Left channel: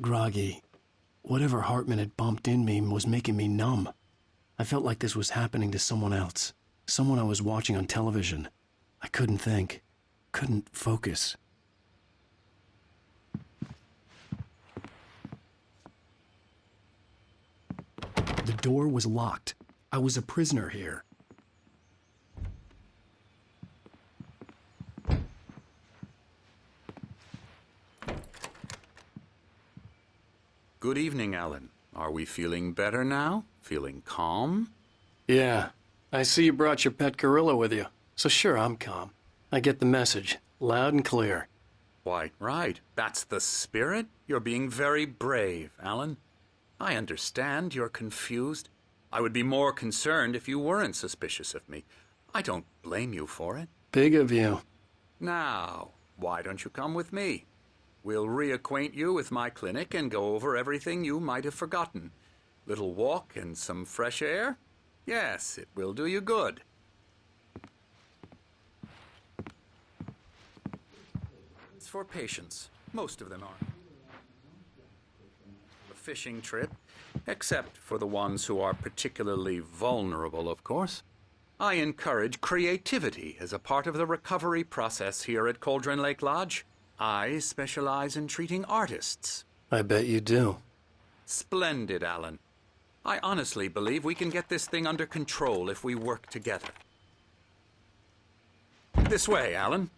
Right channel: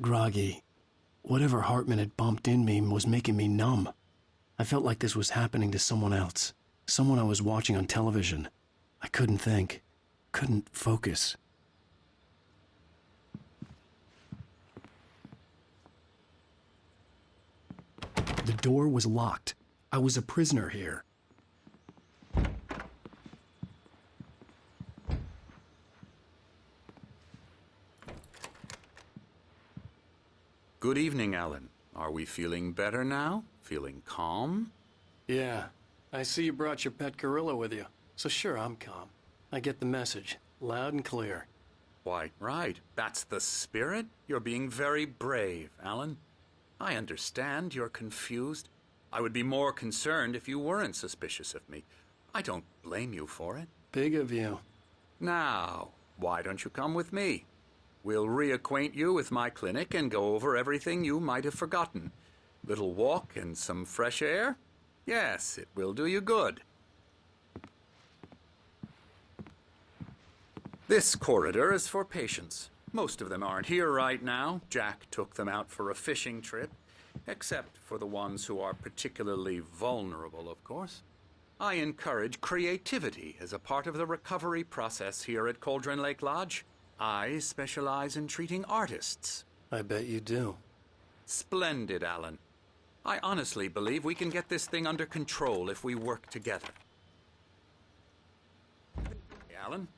groggy. Whatever Hartman had bumped in me was making me numb. I felt like this was happening to someone else. Someone I was watching on television. I couldn't think. Couldn't focus. The door was locked. I was a prisoner here. Good evening, Alan. Are we feeling better now? Feeling calm? Yeah. I see you brought your pet gorilla with you. So sure, I'm calm. I get the message. Loud and clear. Quite right. That's the spirit. You're being very brave, Alan. I understand you're confused. I would be more concerned if you weren't suspicious of me. I don't blame you for it. Big of you. Now, why don't you come with me? We'll reacquaint you with my clinic and go over everything you might have forgotten. Little walk and some fresh air? Yes, it will do you good. This corridor is for patients. Most of them aren't here right now. Jack took them out for a fishing trip, except for the ones who are particularly vulnerable, of course. I encourage creativity as a part of the recovery process here at Cauldron Lake Lodge. I specialize in treating artists. I bet you do. Splendid, Alan. I honestly believe we can get this thing under control if we work together. This way, Alan.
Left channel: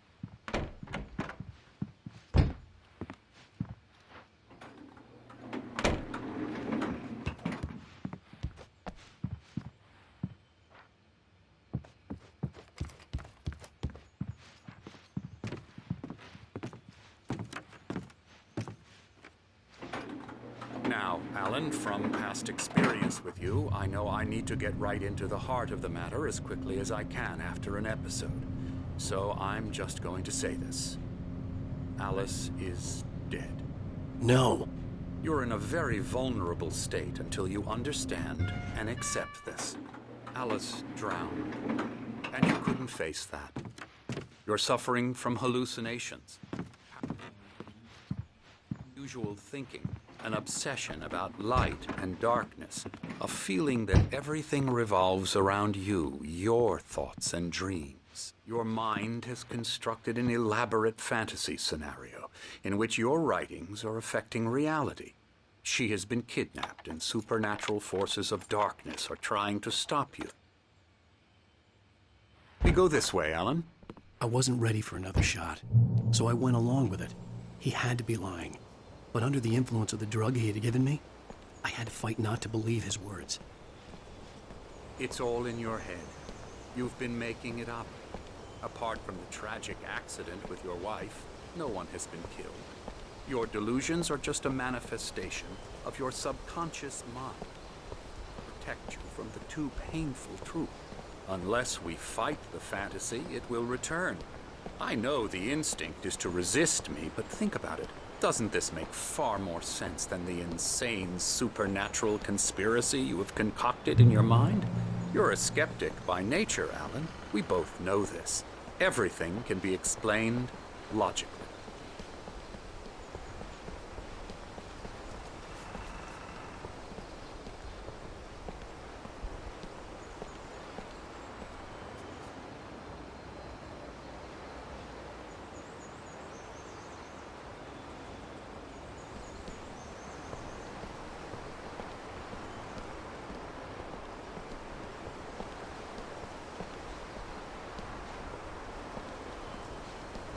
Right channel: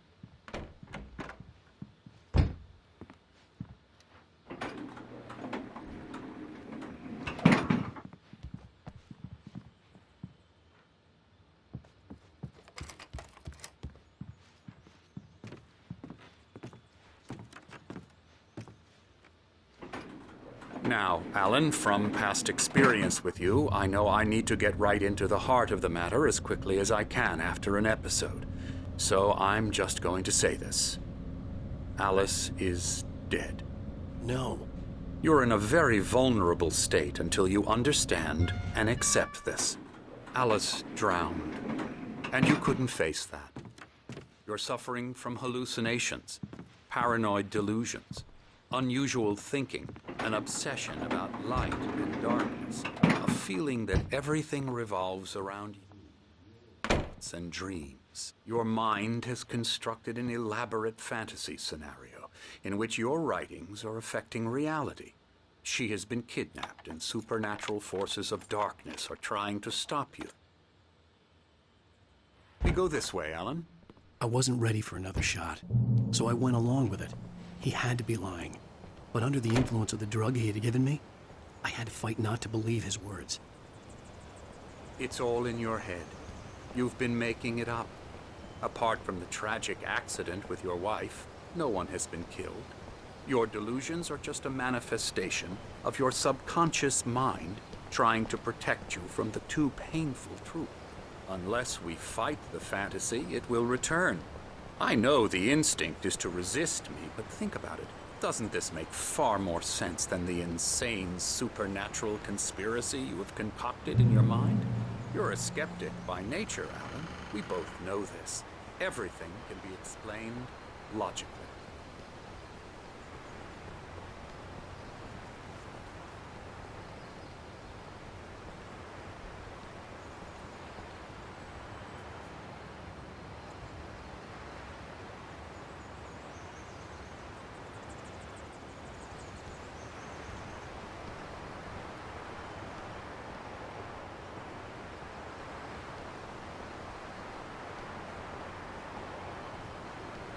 Now, Alan, from past experience with you, I know I need to get right into the heart of the matter as quickly as I can after an episode. So I'm just going to say this. Alice is dead. No. You're in a very vulnerable state until you understand and accept this. Alice drowned, and you couldn't face that. You're suffering from hallucinations, paranoid delusions, unusual thinking, an obsession about light and darkness, a feeling that everything revolves around you, your thoughts and dreams. Your mind has constructed an elaborate fantasy scenario in which your writings are affecting reality. She has been kidnapped and supernatural forces of darkness are trying to stop you. We go this way, Alan. I wasn't ready for another shot, so I went along with it. He had to be lying. But under the influence of the drug he had given me, I had to fight not to believe his words. It's all in your head. You've been making it up. Apart from the tragic accident with your wife, no one has been killed. Your delusions are just a manifestation of your subconscious mind trying to protect you from the too painful truth. Unless we fight the fantasy, it will return. I know the instinct is to resist me, but think about it. Doesn't this make far more sense than the insane supernatural conspiracy you have concocted in your mind? You're a skeptic by nature, Alan. We both know this. Everything can be explained logically.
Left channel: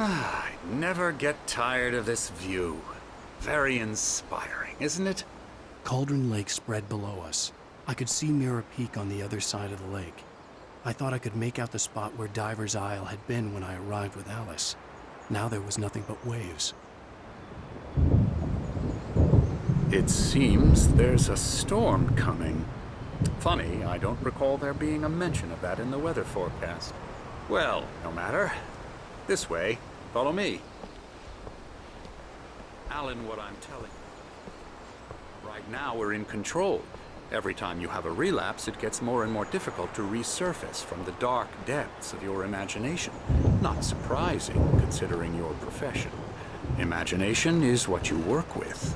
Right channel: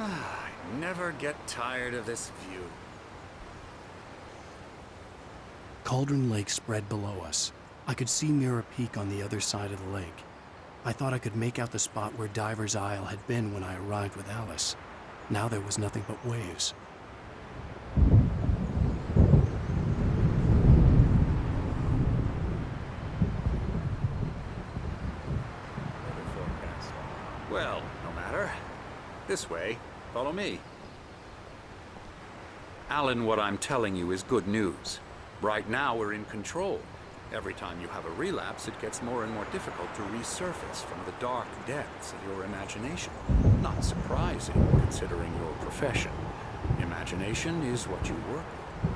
I never get tired of this view. Very inspiring, isn't it? Cauldron Lake spread below us. I could see Mirror Peak on the other side of the lake. I thought I could make out the spot where Diver's Isle had been when I arrived with Alice. Now there was nothing but waves. It seems there's a storm coming. Funny, I don't recall there being a mention of that in the weather forecast. Well, no matter. This way. Follow me. Alan, what I'm telling you is good news. Right now we're in control. Every time you have a relapse, it gets more and more difficult to resurface from the dark depths of your imagination. Not surprising, considering your profession. Imagination is what you work with.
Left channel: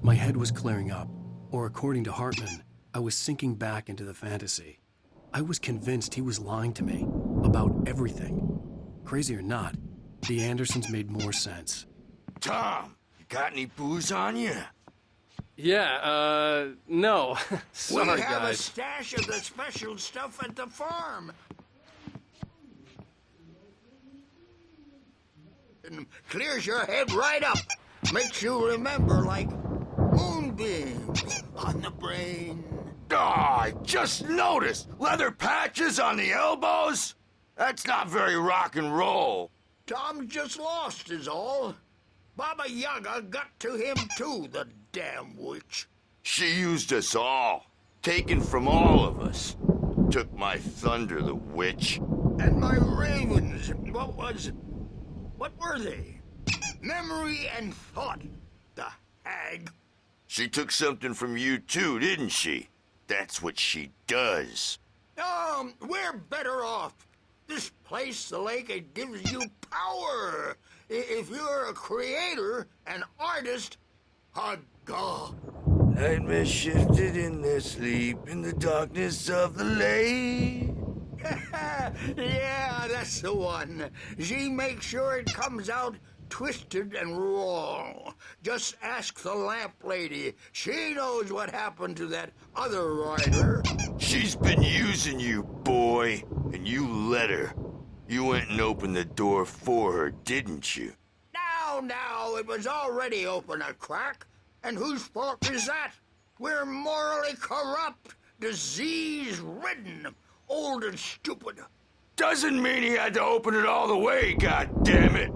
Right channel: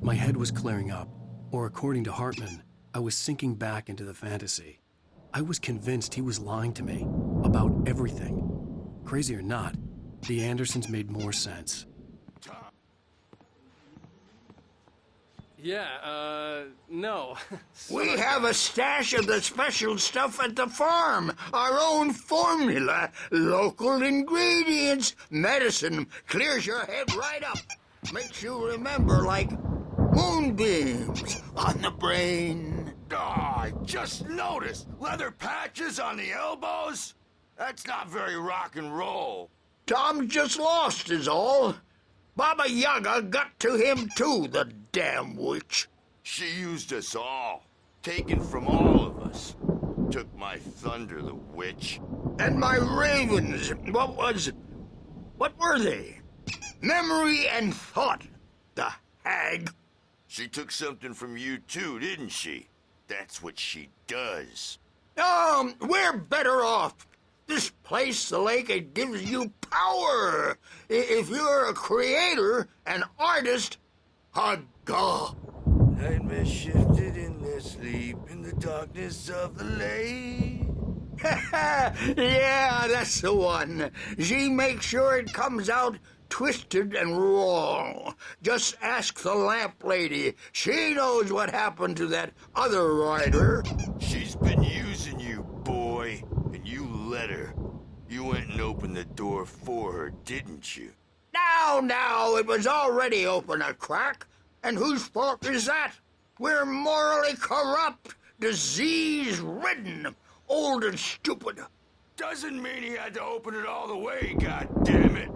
My head was clearing up, or according to Hartman, I was sinking back into the fantasy. I was convinced he was lying to me about everything. Crazy or not, the Andersons made more sense. Tom, you got any booze on you? Yeah, no. We Sorry, have a guys. stash of the special stuff at the farm. Our own formula. Local ingredients. Medicine clears your head right up. Makes you remember like moonbeams on the brain. Oh, I just noticed. Leather patches on the elbows? That's not very rock and roll. Tom just lost is all. Baba Yaga got to him too, the damn witch. She used us all. Taken from all of us. Took my thunder, the witch. And my ravens. What were they? Memory and thought, the hag. She took something from you too, didn't she? That's what she does. We're better off. This place, the lake, it gives you power. If you're a creator, an artist, a god. Nightmare shifted in their sleep in the darkness of the lake. Yeah, that's the one. She makes sure it comes out twisted and wrong. Just ask the lamp lady. She knows what happened to that other rider. She's been using you, boy, and you let her. You went and opened the door for her, didn't you? Now, it was already open a crack. And whose fault is that? We're morally corrupt, disease-ridden, old and stupid. Doesn't mean he had to open it all the way, goddammit.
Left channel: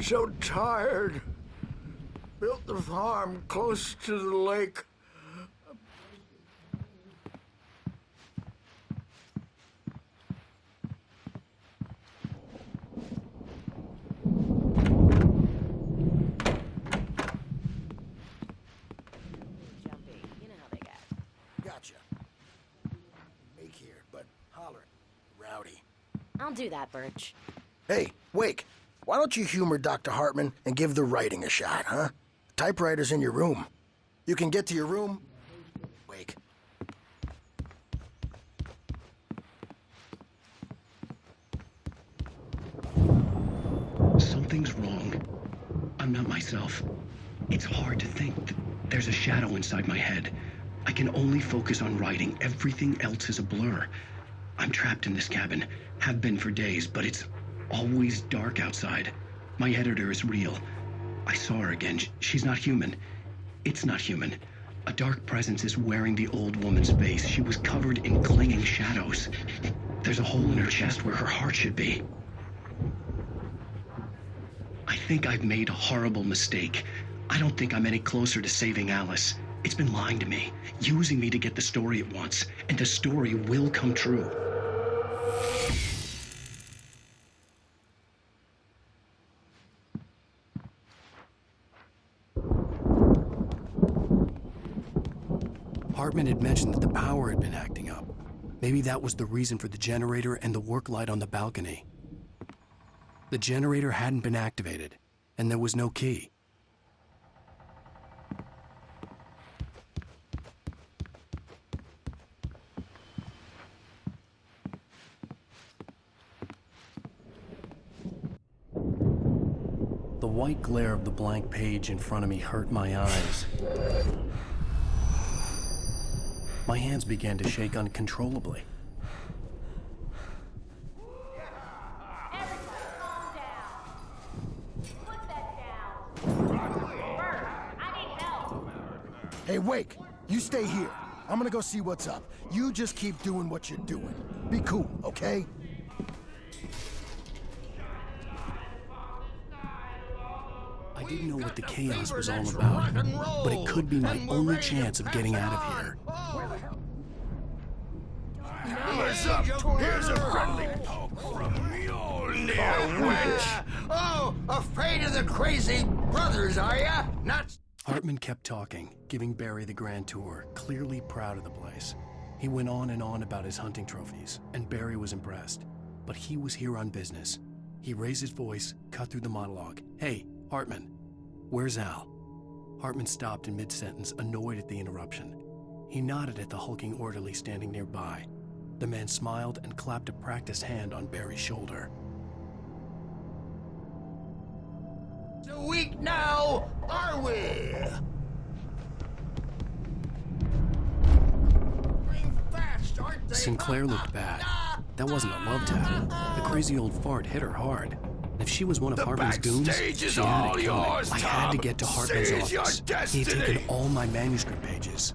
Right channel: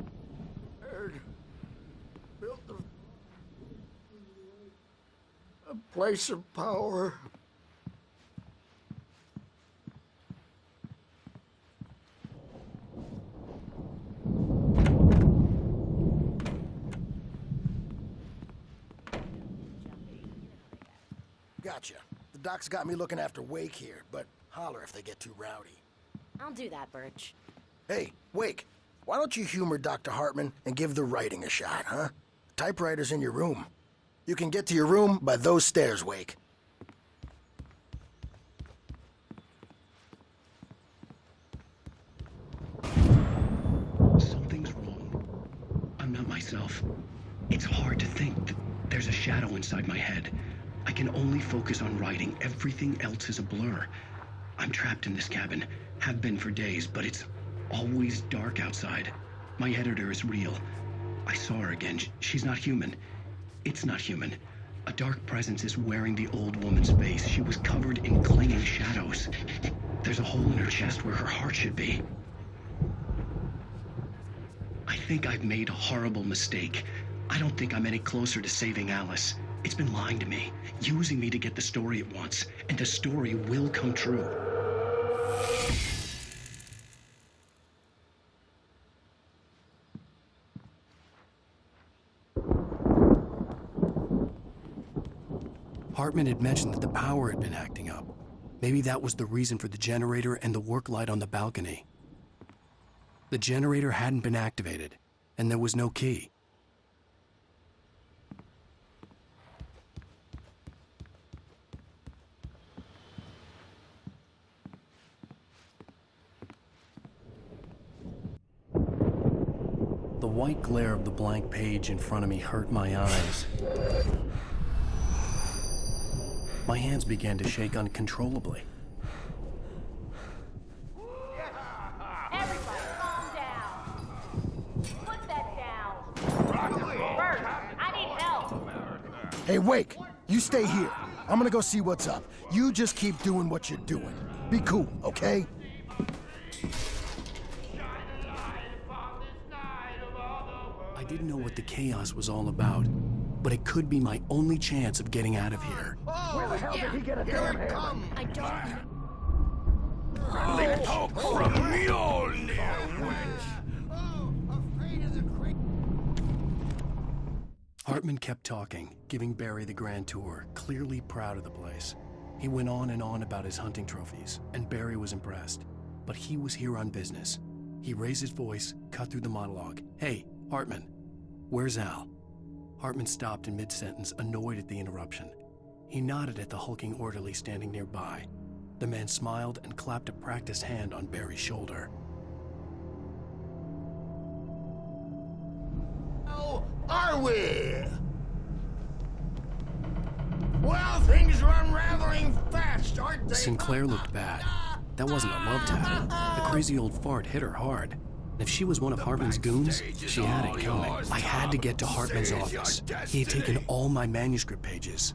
So tired. Built the farm close to the lake, a place of power. Gotcha. The doc's got me looking after Wake here, but holler if they get too rowdy. I'll do that, Birch. Hey, Wake, why don't you humor Dr. Hartman and give the writing a shot, huh? The typewriter's in your room. You can get to your room by those stairs, Wake. Something's wrong. I'm not myself. It's hard to think that there's a shadow inside my head. I can only focus on writing. Everything else is a blur. I'm trapped in this cabin. Have been for days, but it's always dark outside. My editor is real. I saw her again. She's not human. It's not human. A dark presence is wearing the old woman's face. She was covered in clinging shadows. There's a hole in her chest where her heart should be. I think I've made a horrible mistake. I don't think I'm any closer to saving Alice. It's been lying to me, using me to get the story it wants, and the story will come true. Hartman had mentioned that the power had been acting up. Maybe that was the reason for the generator and the work light on the balcony. The generator hadn't been activated, and there was no key. The white glare of the blank page in front of me hurt my eyes. My hands began to shake uncontrollably. Everybody, calm down. Put that down. Bert, I need help. Hey, Wake, you stay here. I'm gonna go see what's up. You just keep doing what you're doing. Be cool, okay? I didn't know what the chaos was all about, but it could be my only chance of getting out of here. Where the hell did he get a damn hammer? I don't know. What's up? Here's a friendly poke from Mjolnir, witch. Oh, afraid of the crazy brothers, are ya? Not... Hartman kept talking, giving Barry the grand tour, clearly proud of the place. He went on and on about his hunting trophies, and Barry was impressed. But he was here on business. He raised his voice, cut through the monologue. Hey, Hartman, where's Al? Hartman stopped in mid-sentence, annoyed at the interruption. He nodded at the hulking orderly standing nearby. The man smiled and clapped a practiced hand on Barry's shoulder. So weak now, are we? Well, things are unraveling fast, aren't they? Sinclair looked bad. That wasn't a love tap. The crazy old fart hit her hard. And if she was one of Hartman's goons, she had it coming. I had to get to Hartman's office. He had taken all my manuscript pages.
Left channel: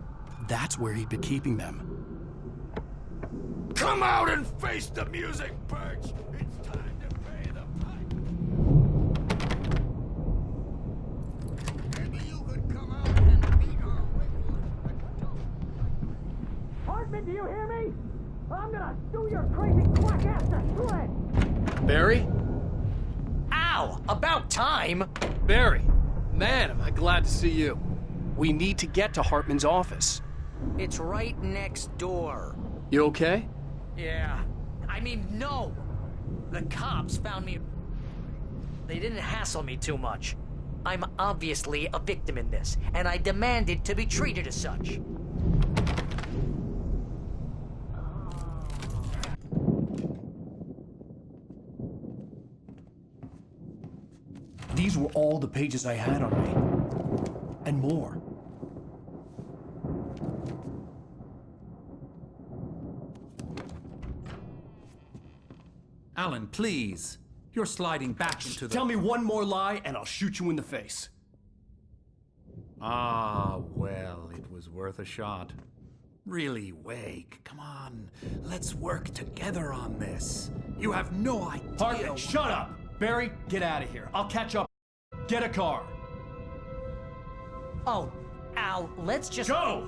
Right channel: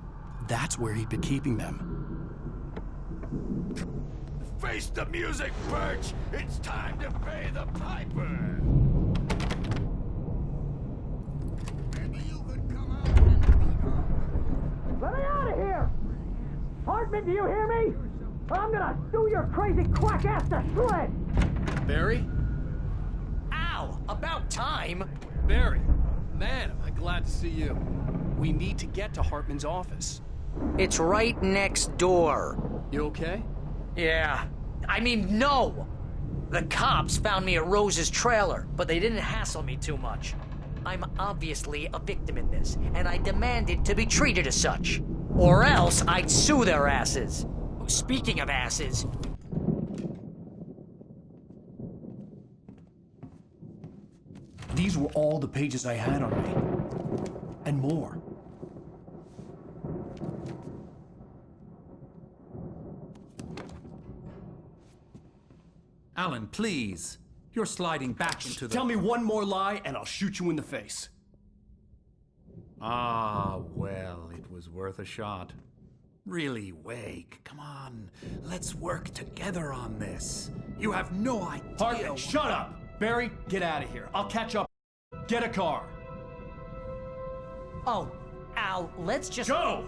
That's where he'd been keeping them. Come out and face the music, Birch! It's time to pay the piper! Maybe you could come out and beat her. Let me out of here! Hartman, do you hear me? I'm gonna sue your crazy quack ass to shreds! Barry? Ow! About time! Barry! Man, am I glad to see you. We need to get to Hartman's office. It's right next door. You okay? Yeah. I mean, no! The cops found me at Rose's trailer, but they didn't hassle me too much. I'm obviously a victim in this, and I demanded to be treated as such. Or else I'd sue their asses. Speaking of asses... These were all the pages I had on me. And more. Alan, please. You're sliding back into the... Tell me one more lie and I'll shoot you in the face. Ah, well, it was worth a shot. Really, Wake, come on. Let's work together on this. You have no idea... Hartman, shut up! Barry, get out of here. I'll catch up. Get a car. Oh, Al, let's just... Go!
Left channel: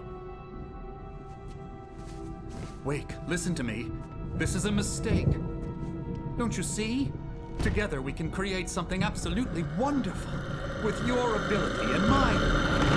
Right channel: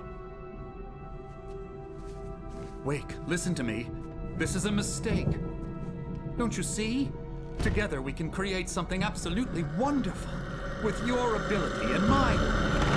Wake, listen to me. This is a mistake. Don't you see? Together we can create something absolutely wonderful. With your ability and mine.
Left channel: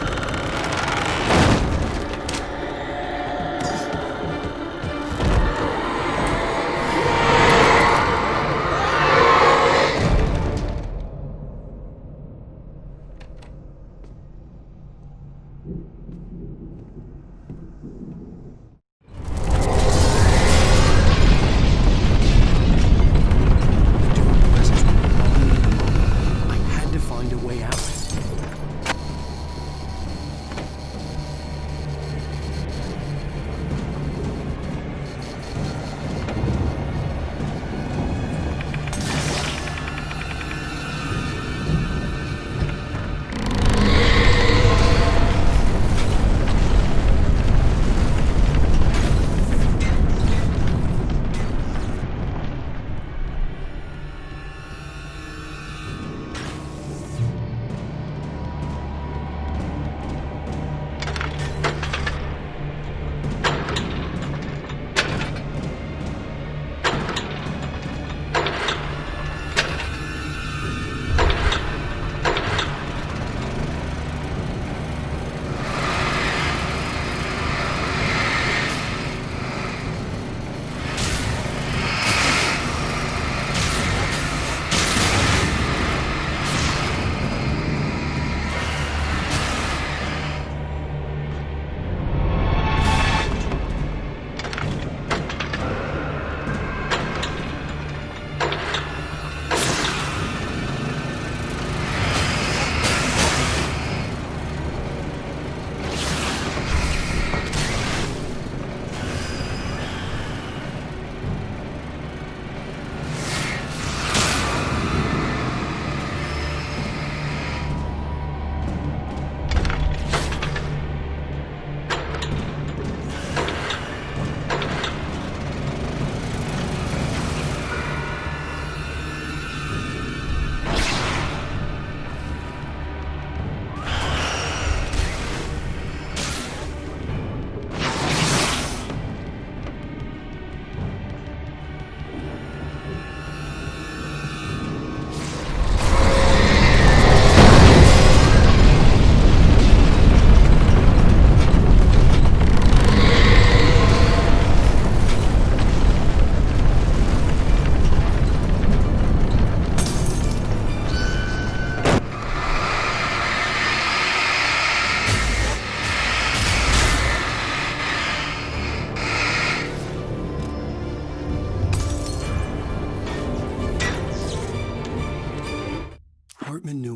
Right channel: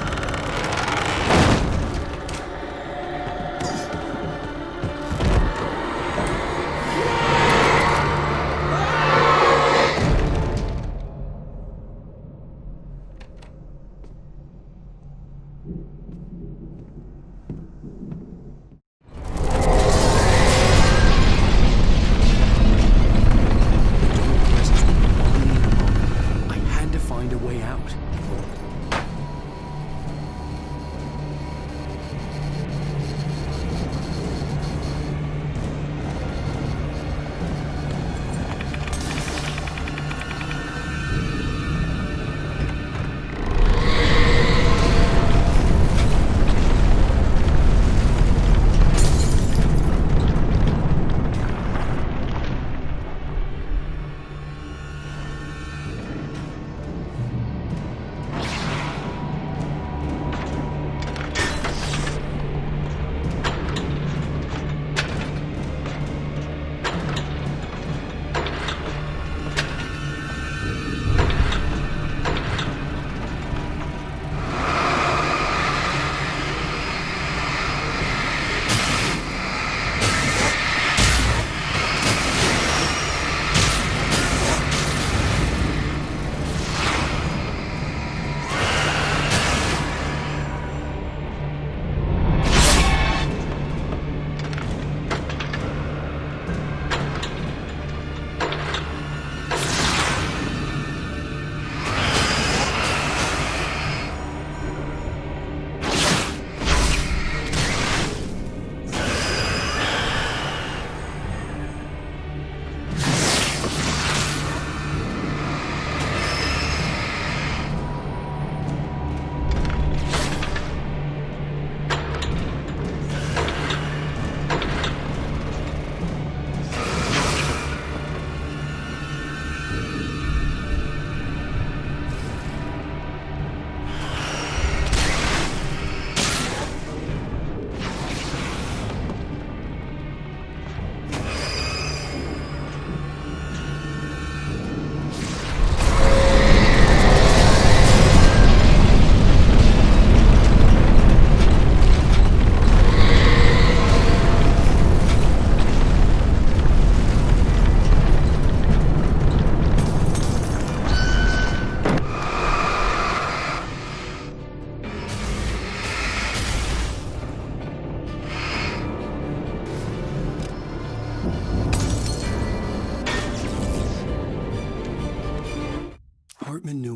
Find a way out.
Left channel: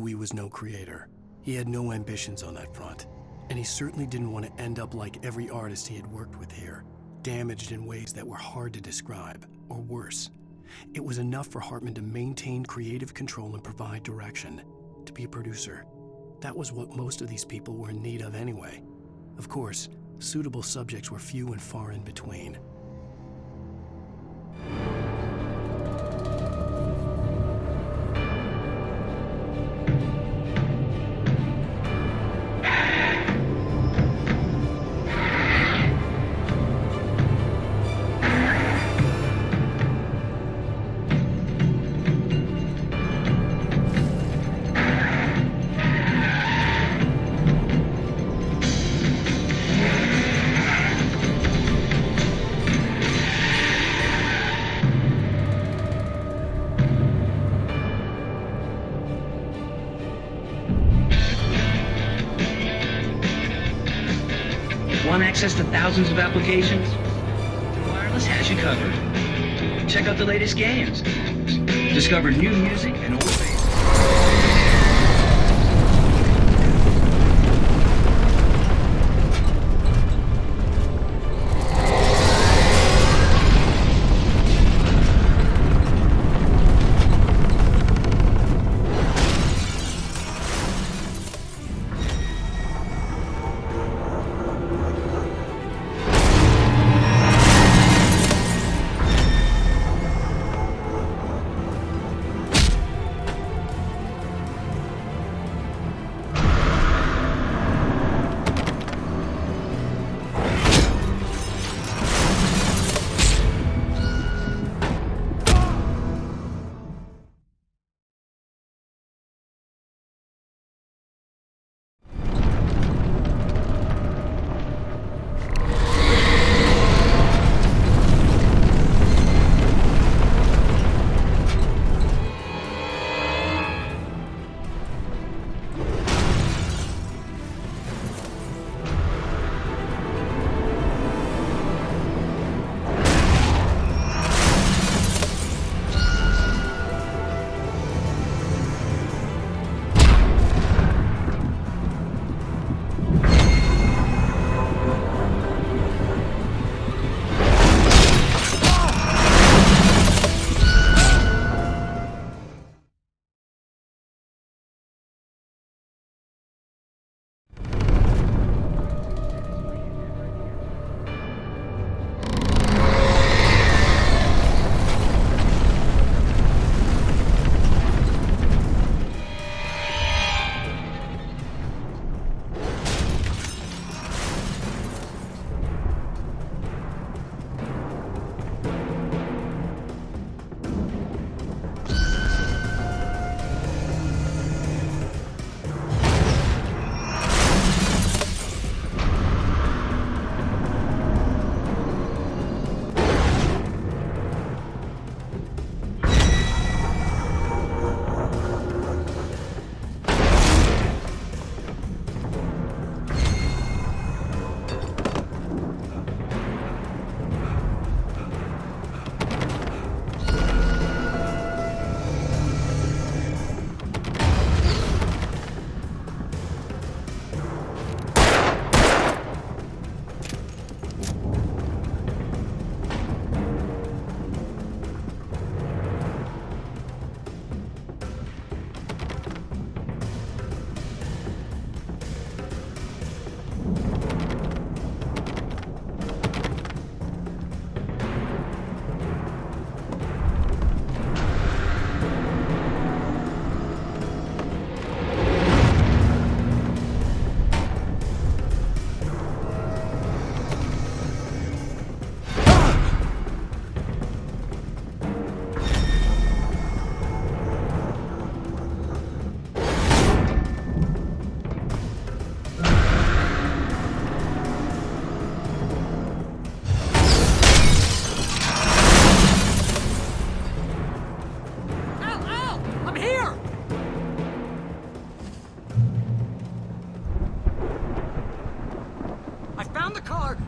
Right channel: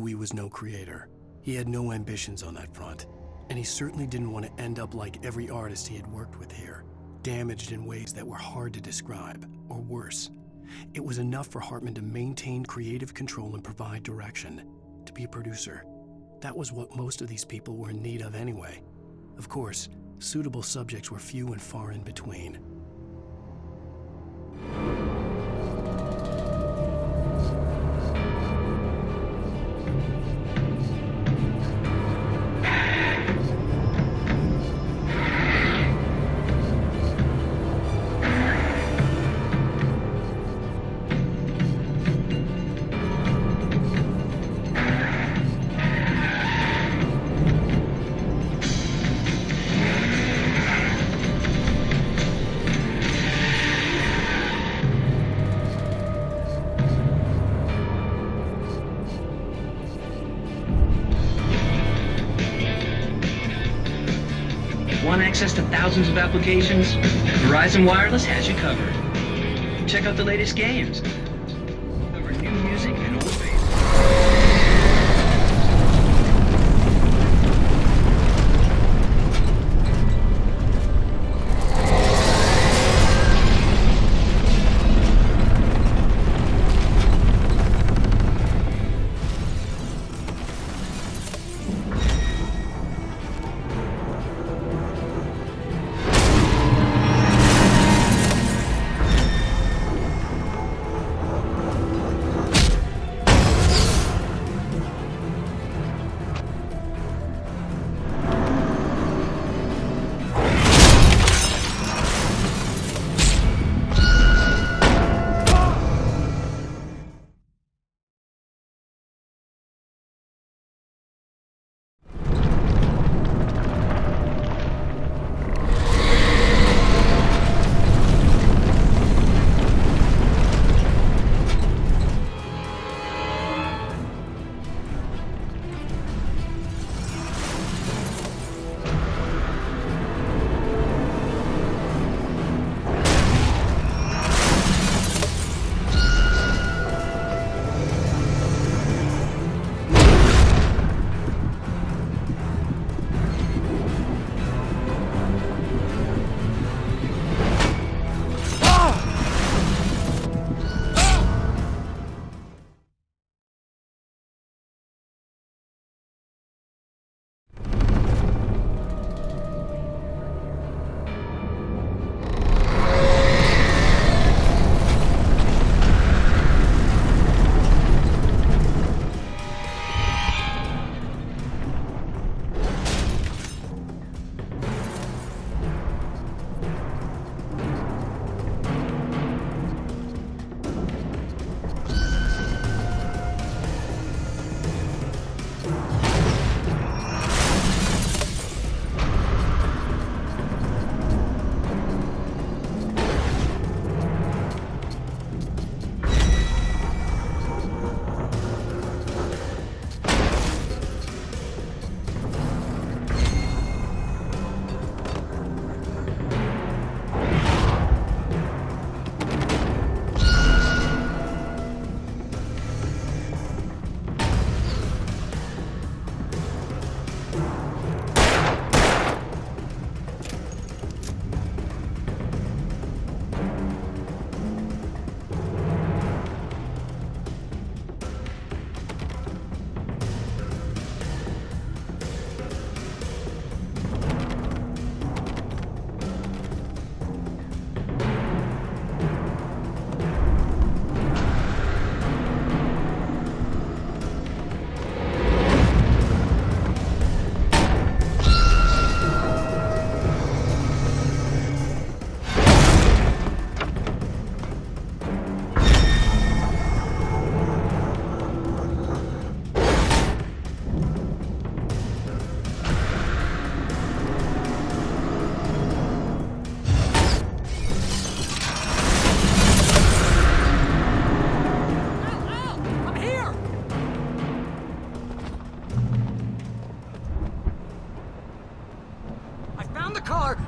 knew he was no creator. He had no ambitions on that front. And he certainly didn't want to end up like every artist he had worked with here, damaged in ways that were hard to describe, or worse. It was enough for Hartman to maintain creative control and provide direction, to be a producer. That was what most of these people were in need of anyway. Of course, suitable subjects were few and far in between. Want access to thousands of applications? Verizon Wireless has you covered. Check out the latest games. Discover new music and old favorites.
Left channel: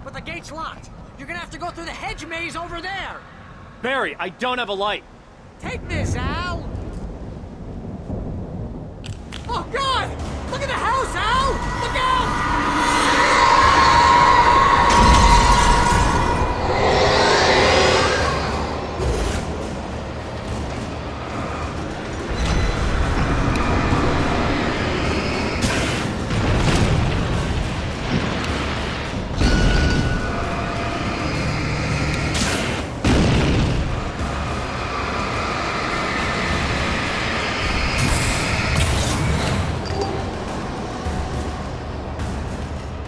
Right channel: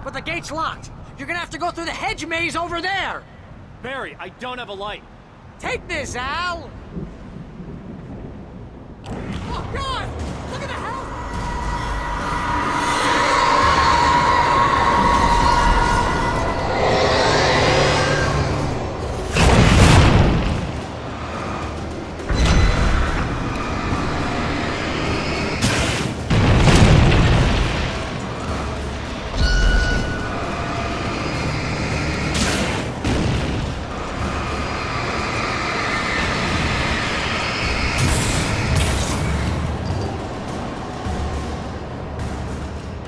but the gate's locked. You're gonna have to go through the hedge maze over there. Barry, I don't have a light. Take this, Al. Oh, God! Look at the house, Al! Look out!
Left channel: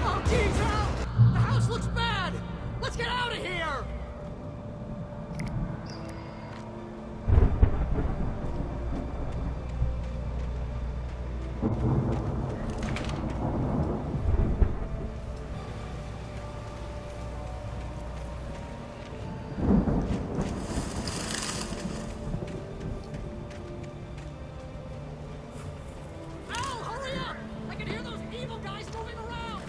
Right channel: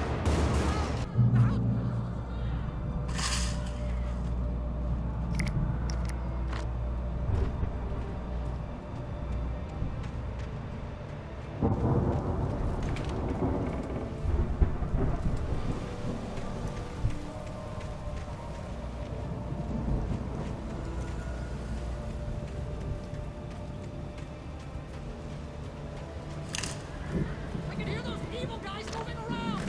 Oh, geez, Al! The house looks bad! Let's get out of here! Al, hurry up! I can hear those evil guys moving around!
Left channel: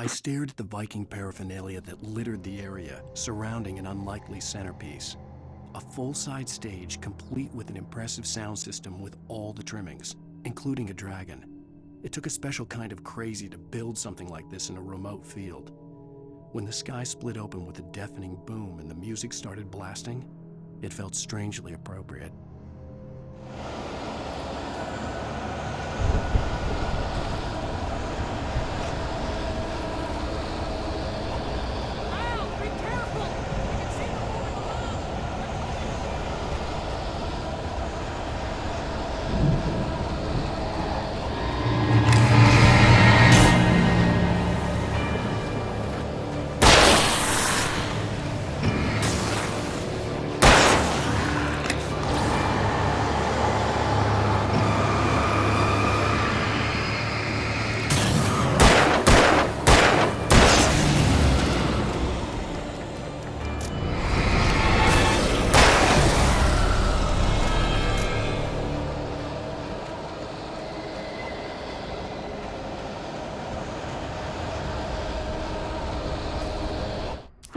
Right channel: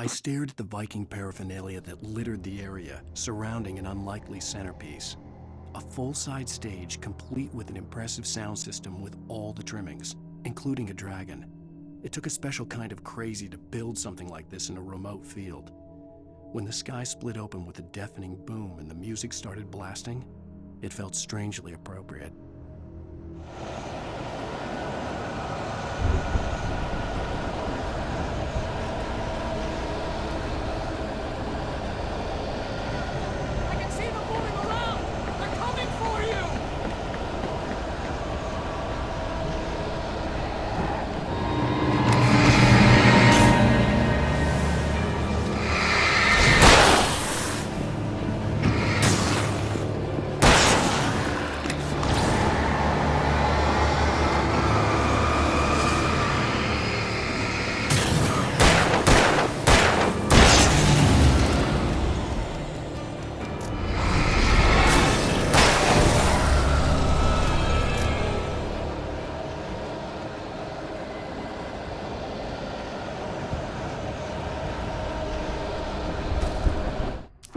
I stared at the Viking paraphernalia that littered the area, surrounding an unlikely centerpiece. A full-size stage complete with an impressive sound system with all the trimmings, including a dragon. It took a special kind of crazy to build something like this in a remote field. When the sky split open with a deafening boom and the music started blasting, it felt strangely appropriate. Al, be careful! I can see them moving around! They're coming for you!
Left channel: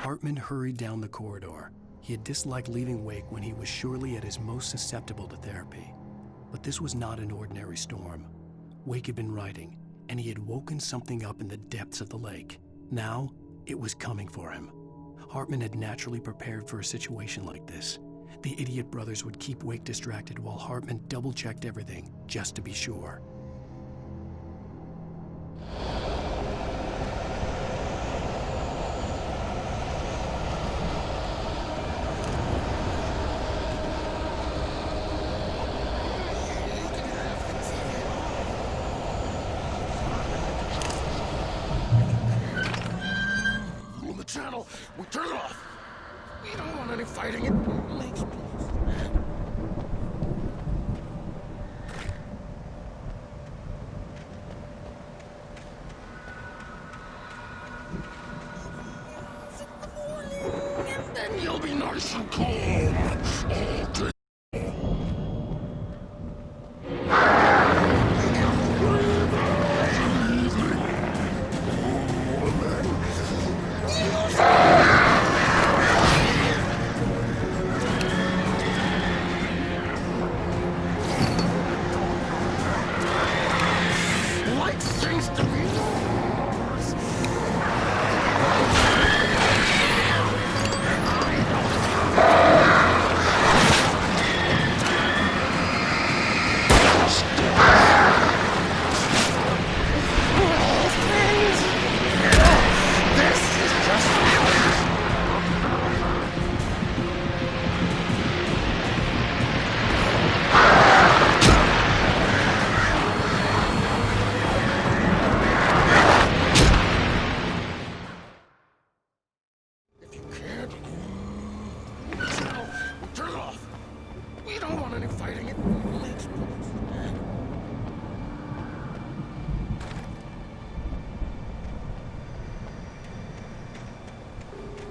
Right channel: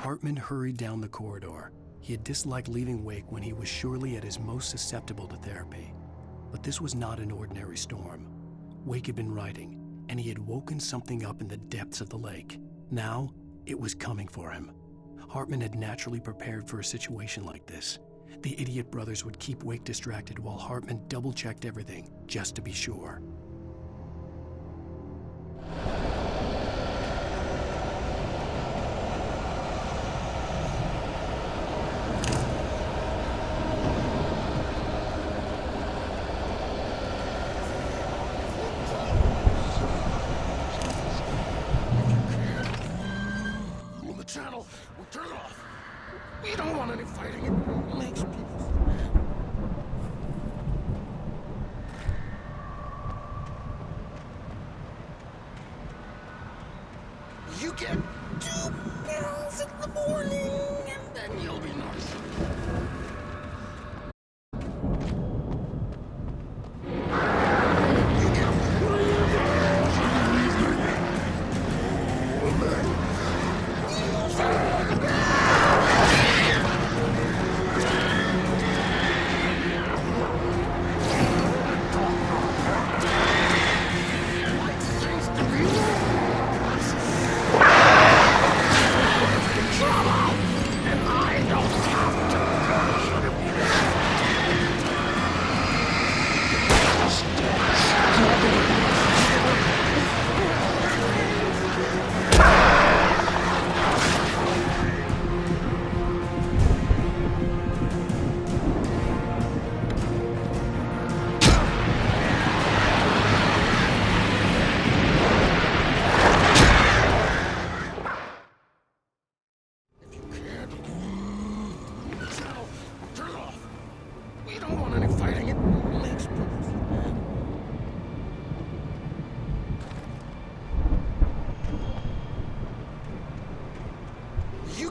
Hartman hurried down the corridor. He had disliked leaving Wake when he was surely at his most susceptible to therapy. But this was not an ordinary storm. Wake had been writing, and he had woken something up in the depths of the lake. Now, it was coming for him. Hartman had naturally prepared for a situation like this. The idiot brothers would keep Wake distracted while Hartman double-checked everything, just to be sure. On the channel, we turn it off. We don't want any fighting. It makes me... You get 2 pills in the morning, and then you'll be nice and cold. You get 3 pills in the evening. And then life seems to be yours. I don't have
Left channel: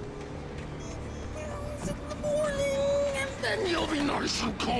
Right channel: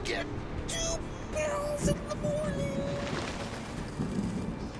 You get 2 pills in the morning, and then you'll be nice and calm.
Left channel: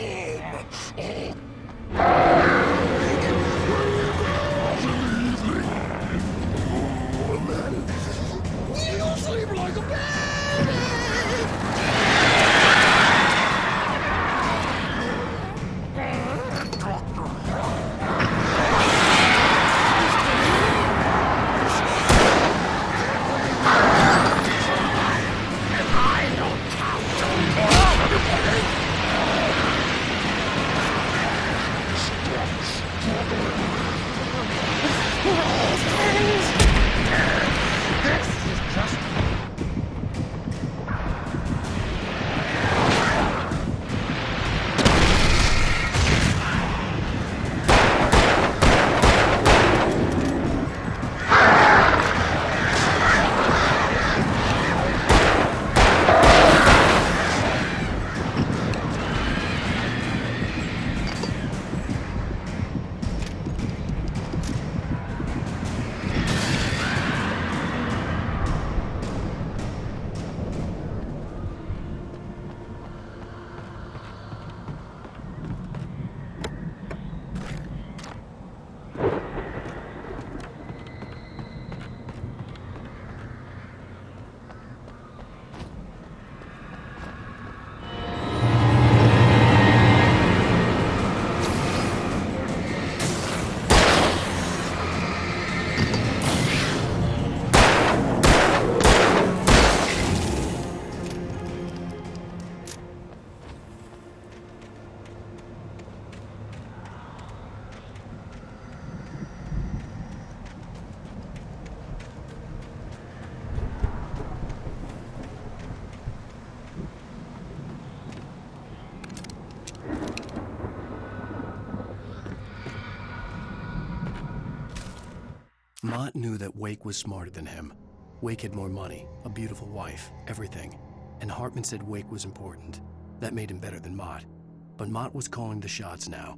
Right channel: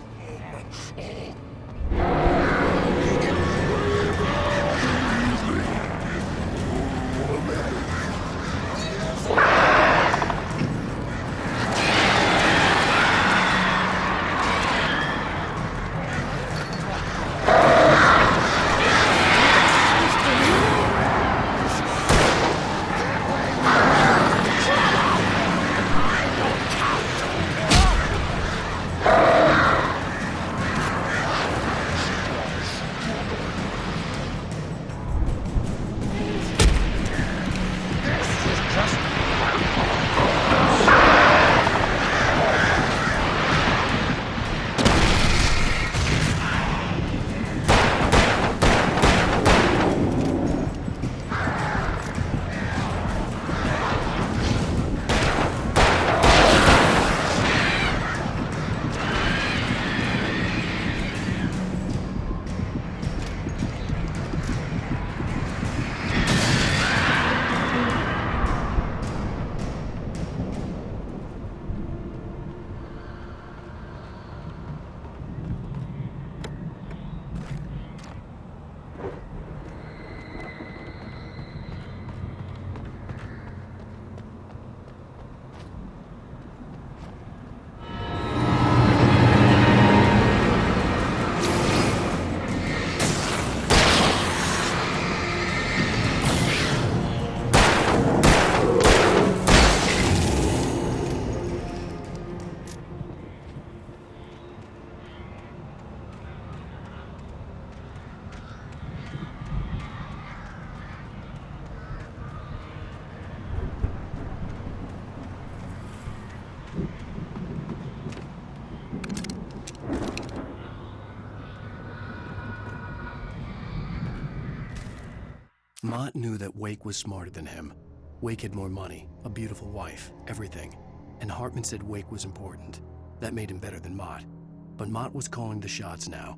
Mott knew that Wake was smarter than him. Wake had more money, a beautiful wife, everything. And Hartman said Wake was important. That made him better than Mott. But Mott was calling the shots now.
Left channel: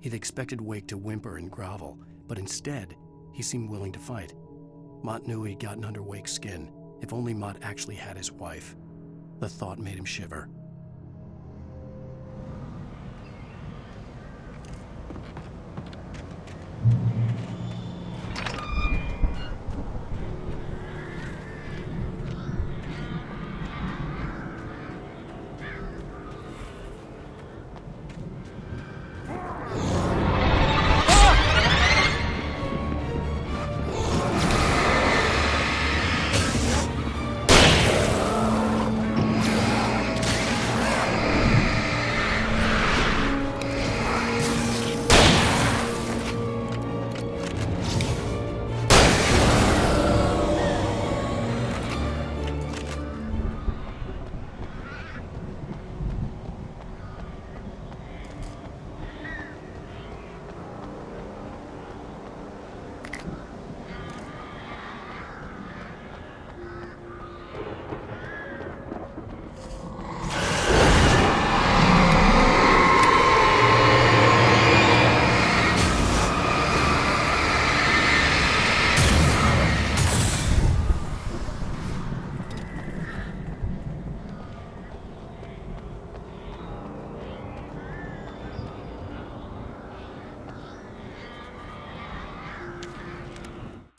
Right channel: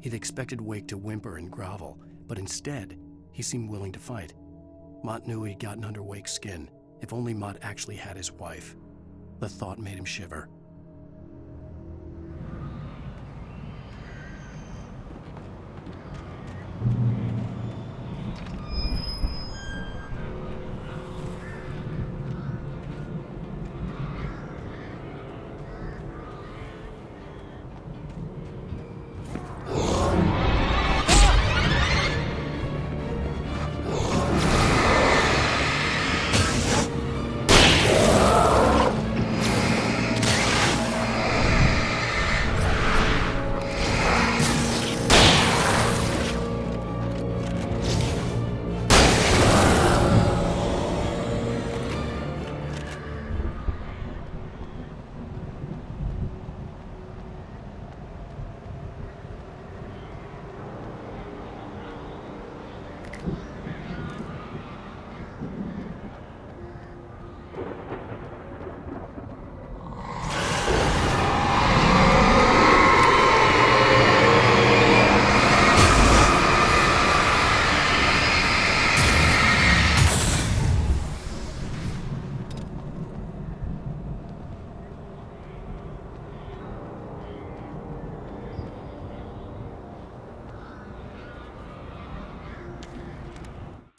He'd expected Wake to whimper and grovel, but instead, he seemed willing to fight. Mott knew he'd gotten under Wake's skin. If only Mott actually had his wife. The thought made him shiver.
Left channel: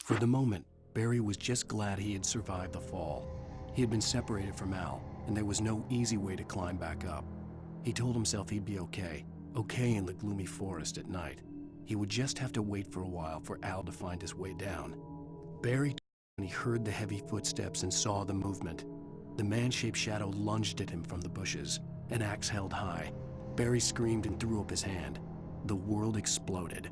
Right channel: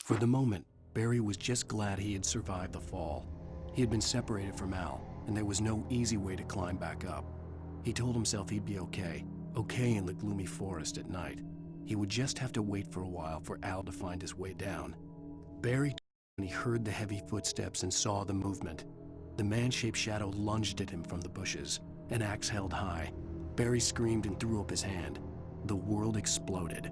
For the moment, Barry was just glad he had survived the fall. He had been separated from Al, and there was no easy way to climb back up. He told himself he'd be okay in the gloomy forest at night. He would just have to wait for a while for Al to find his way down. Barry when he heard the heavy footsteps and saw the movement. The man-shaped shadow lunged at him from the bushes, an axe held high. Barry screamed and threw up his hand. The world exploded.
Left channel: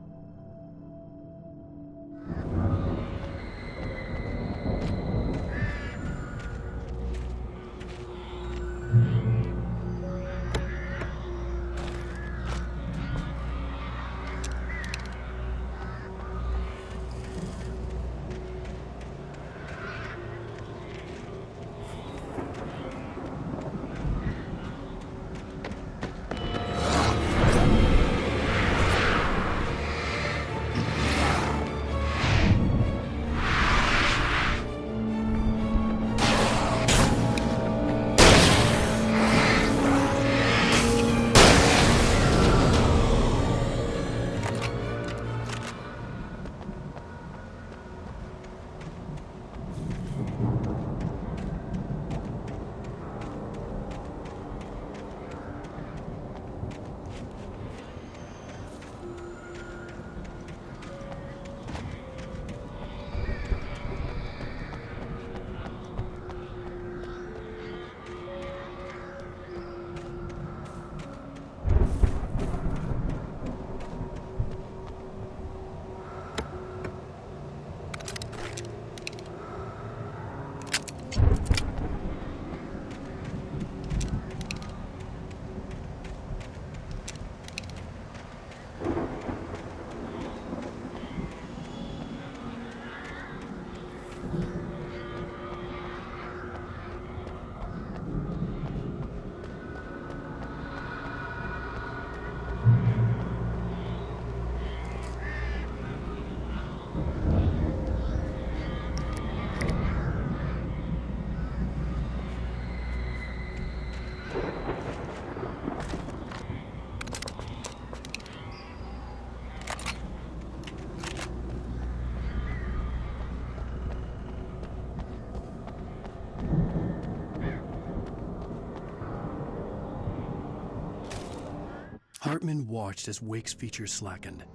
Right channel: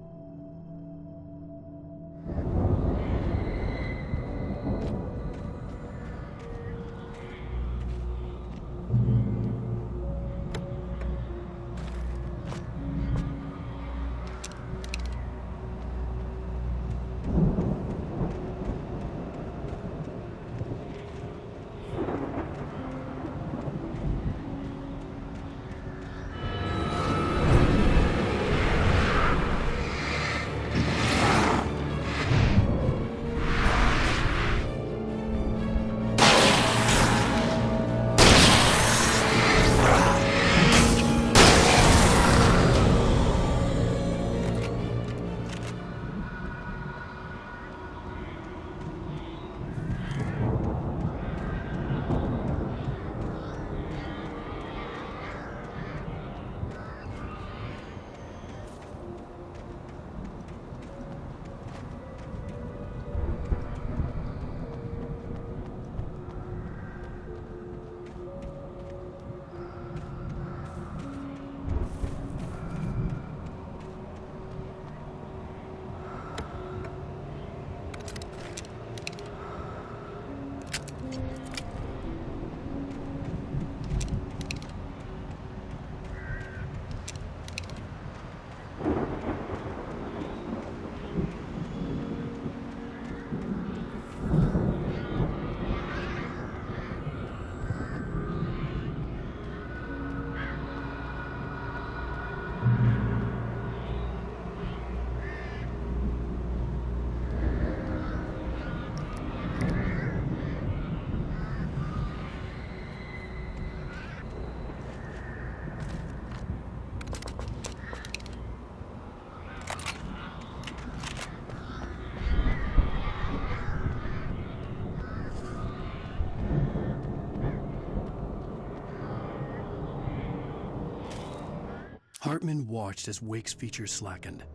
Hartman watched as Wake's features slackened.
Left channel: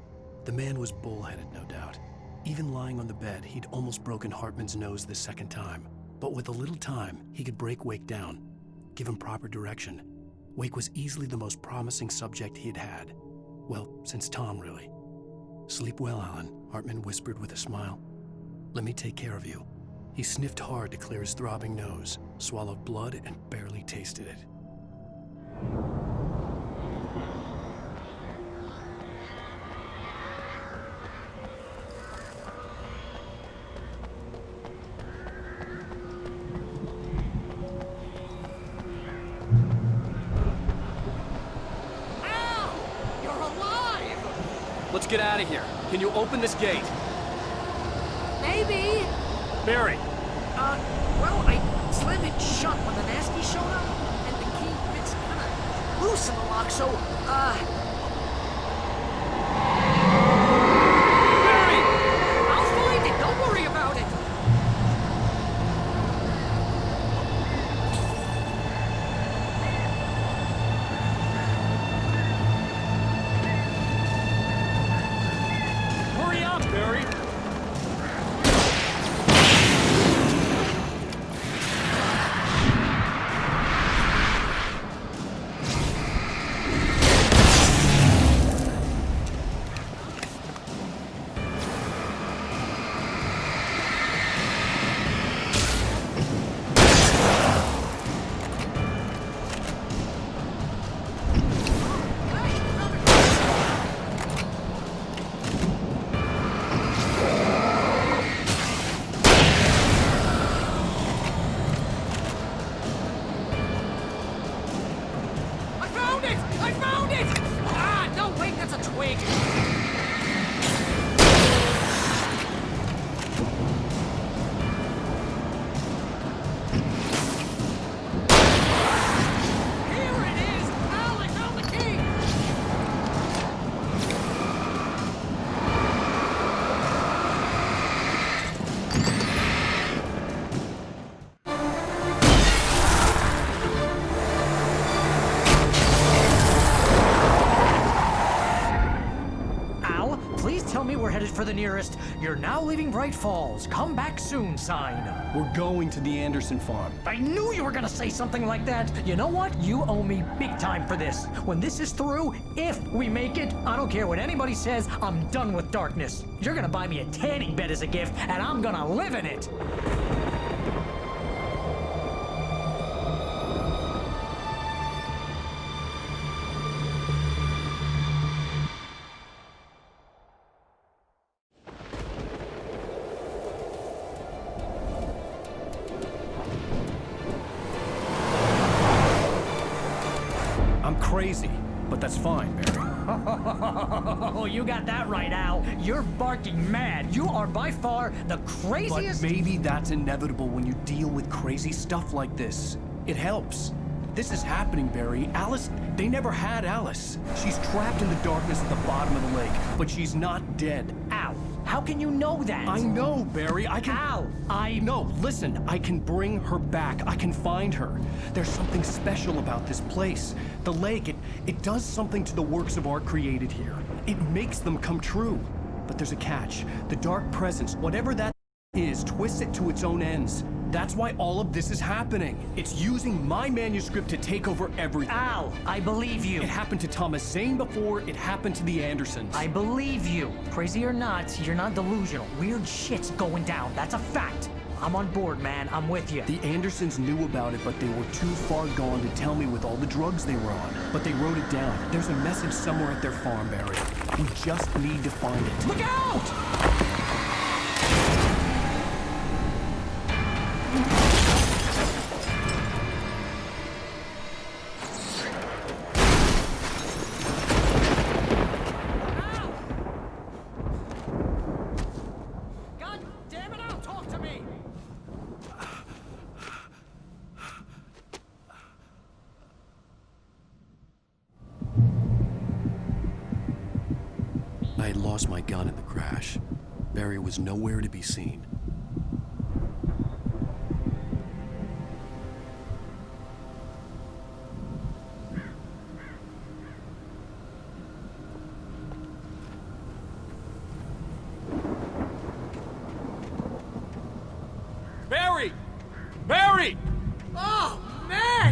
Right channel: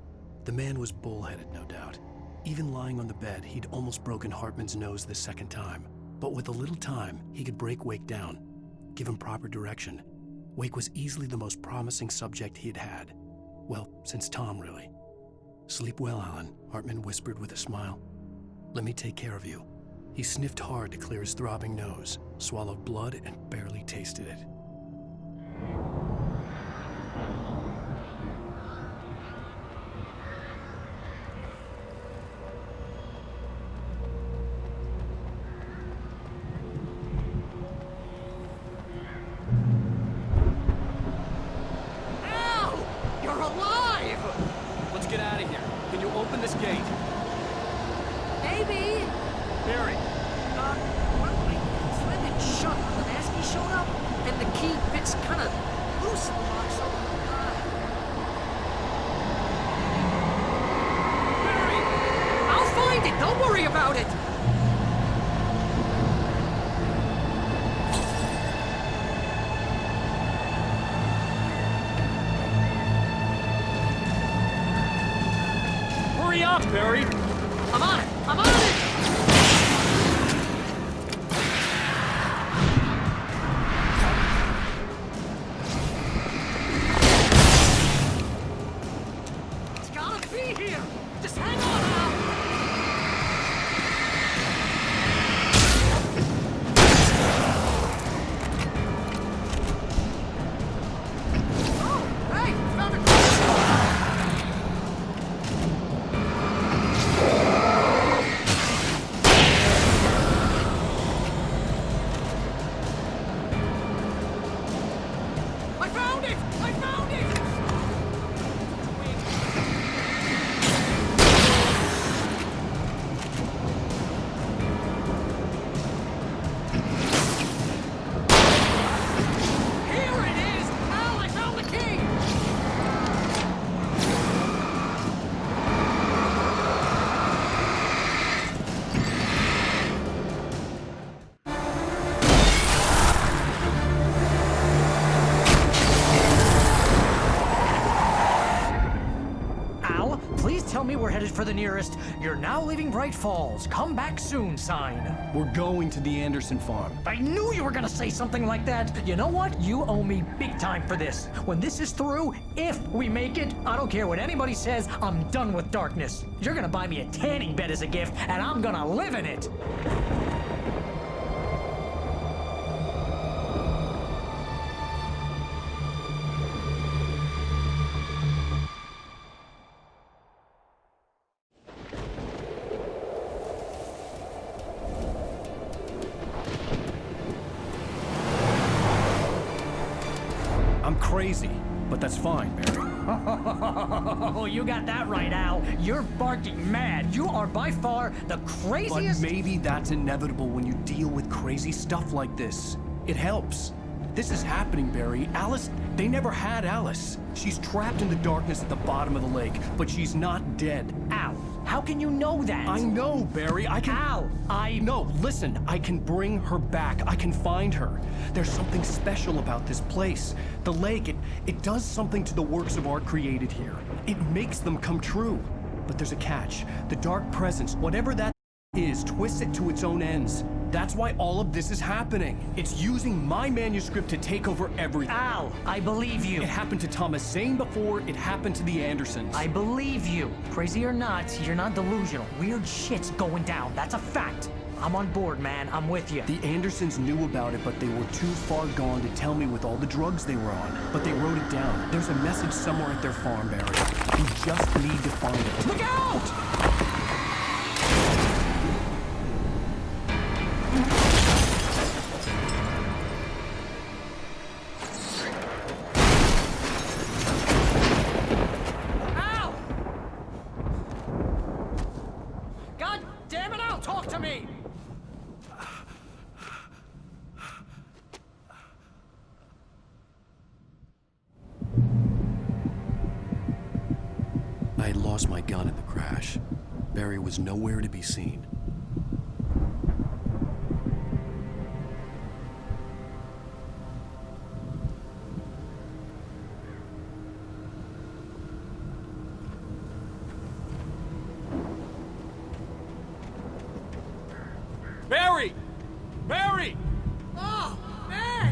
The man was bullheaded, no doubt. Even lying on the bed, he'd almost broken Hartman's nose the second time. But with a little time, he could break Wake down, give him proper direction. Wake was easily the most promising subject he had had. Well, since Tom, really. "Sleep well, Alan," Hartman whispered with a smile. "Let me take care of you." He sniffed hard to clear his throbbing nose, swallowed blood, and barely tasted it. Let's get out of here. Can you open this gate? Maybe. Barry! Well, I slammed it shut when the nasty showed up, and the key fits kind of loose in the lock, so, Barry! I'll find it! Don't worry about it! Hurry up, Barry! I'm on it! I'm on it! It's gotta be here! Just hang on now! Oh, hey! I found a I found it! I found it! Ah, no, wait, that's a twig. Here it is! Al, I found the key! Al, please tell me we're headed for the nearest "You're now leaving Bright Falls. Come back soon" sign. We're going to the Anderson farm. I knew you were gonna say something like that. You know what? You owe me big time for this. When this is through, if we make it, I don't care what anybody says, I'm done with darkness. You're gonna buy me a tanning bed as a gift, and I'm gonna live in it. I'm crazy, but that's fine, Barry. Oh, you got that right, Al. You're barking mad. You are by far the But craziest. maybe that's inevitable when you deal with crazy stuff like this. It helps. This is happening, Barry. Alice, they never had Alice. She's trapped in the darkness at the bottom of the lake, but she's not dead. Al, how can you know that? I know, Barry. I can... Al, No, listen. I can bring her back. I can find her. There's something special about this place. The lake, it does something to the works of art created here. It makes them come true. But there's a catch. The dark presence, whatever that is, twists it to its own ends. That's why all of this is happening. It's using my manuscript to take over everything. Al, I believe you. It happened to Thomas Zane before, it happened to the Andersons. I believe you. Crazy or not, you're not delusional. Weird shit's going down. That's a fact. I'm on board, man. I'm with you. The Andersons knew about it, but they were too far gone to tell me with all the drugs they were on. But they wrote it down. There's a message somewhere at their farm, Barry. We just need to find it. Look out! Al! God damn it, Al, talk to me! I had lost my gun in the crash. Barry was nowhere to be seen.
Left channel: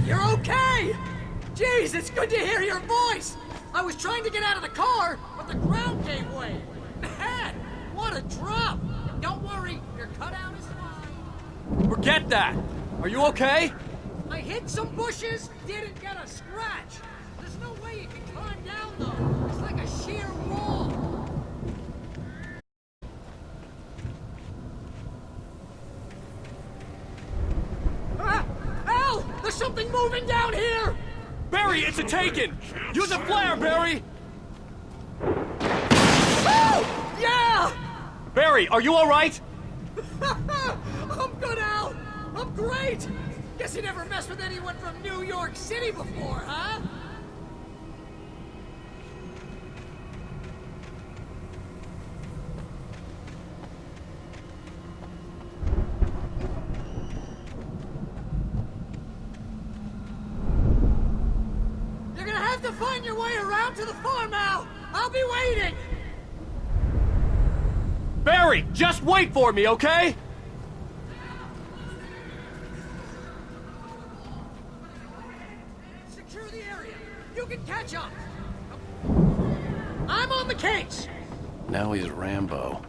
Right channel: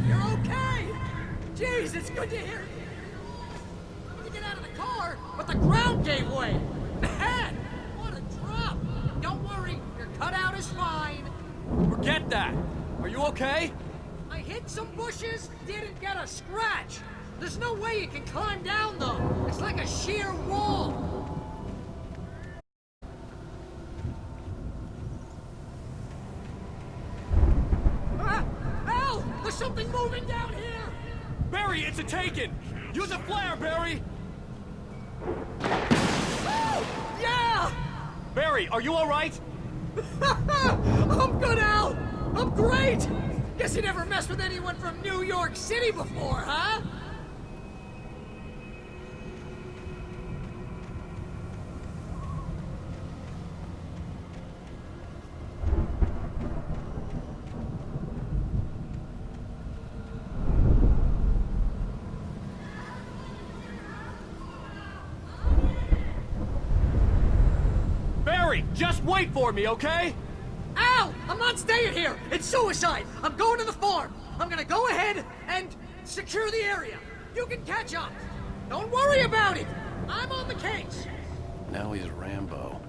you're okay! Jeez, it's good to hear your voice! I was trying to get out of the car, but the ground gave way! Man, what a drop! Don't worry, your cutout is fine. Forget that! Are you okay? I hit some bushes, didn't get a scratch. There's no way you can climb down, though. It's like a sheer wall. Al! There's something moving down here! Barry, it's a Taken! Use a flare, Barry! Oh! Yeah! Barry, are you alright? I'm good, Al! I'm great! Guess you never messed with anyone from New York City before, huh? You're gonna have to find your way around to the farm, Al! I'll be waiting! Barry, just wait for me, okay? Al! I'm not staying here! It's suicide! I'm going to the farm! I'm gonna go ahead and secure the area. You can catch up. Don't worry about it. I'm on the case. Now he's Rambo.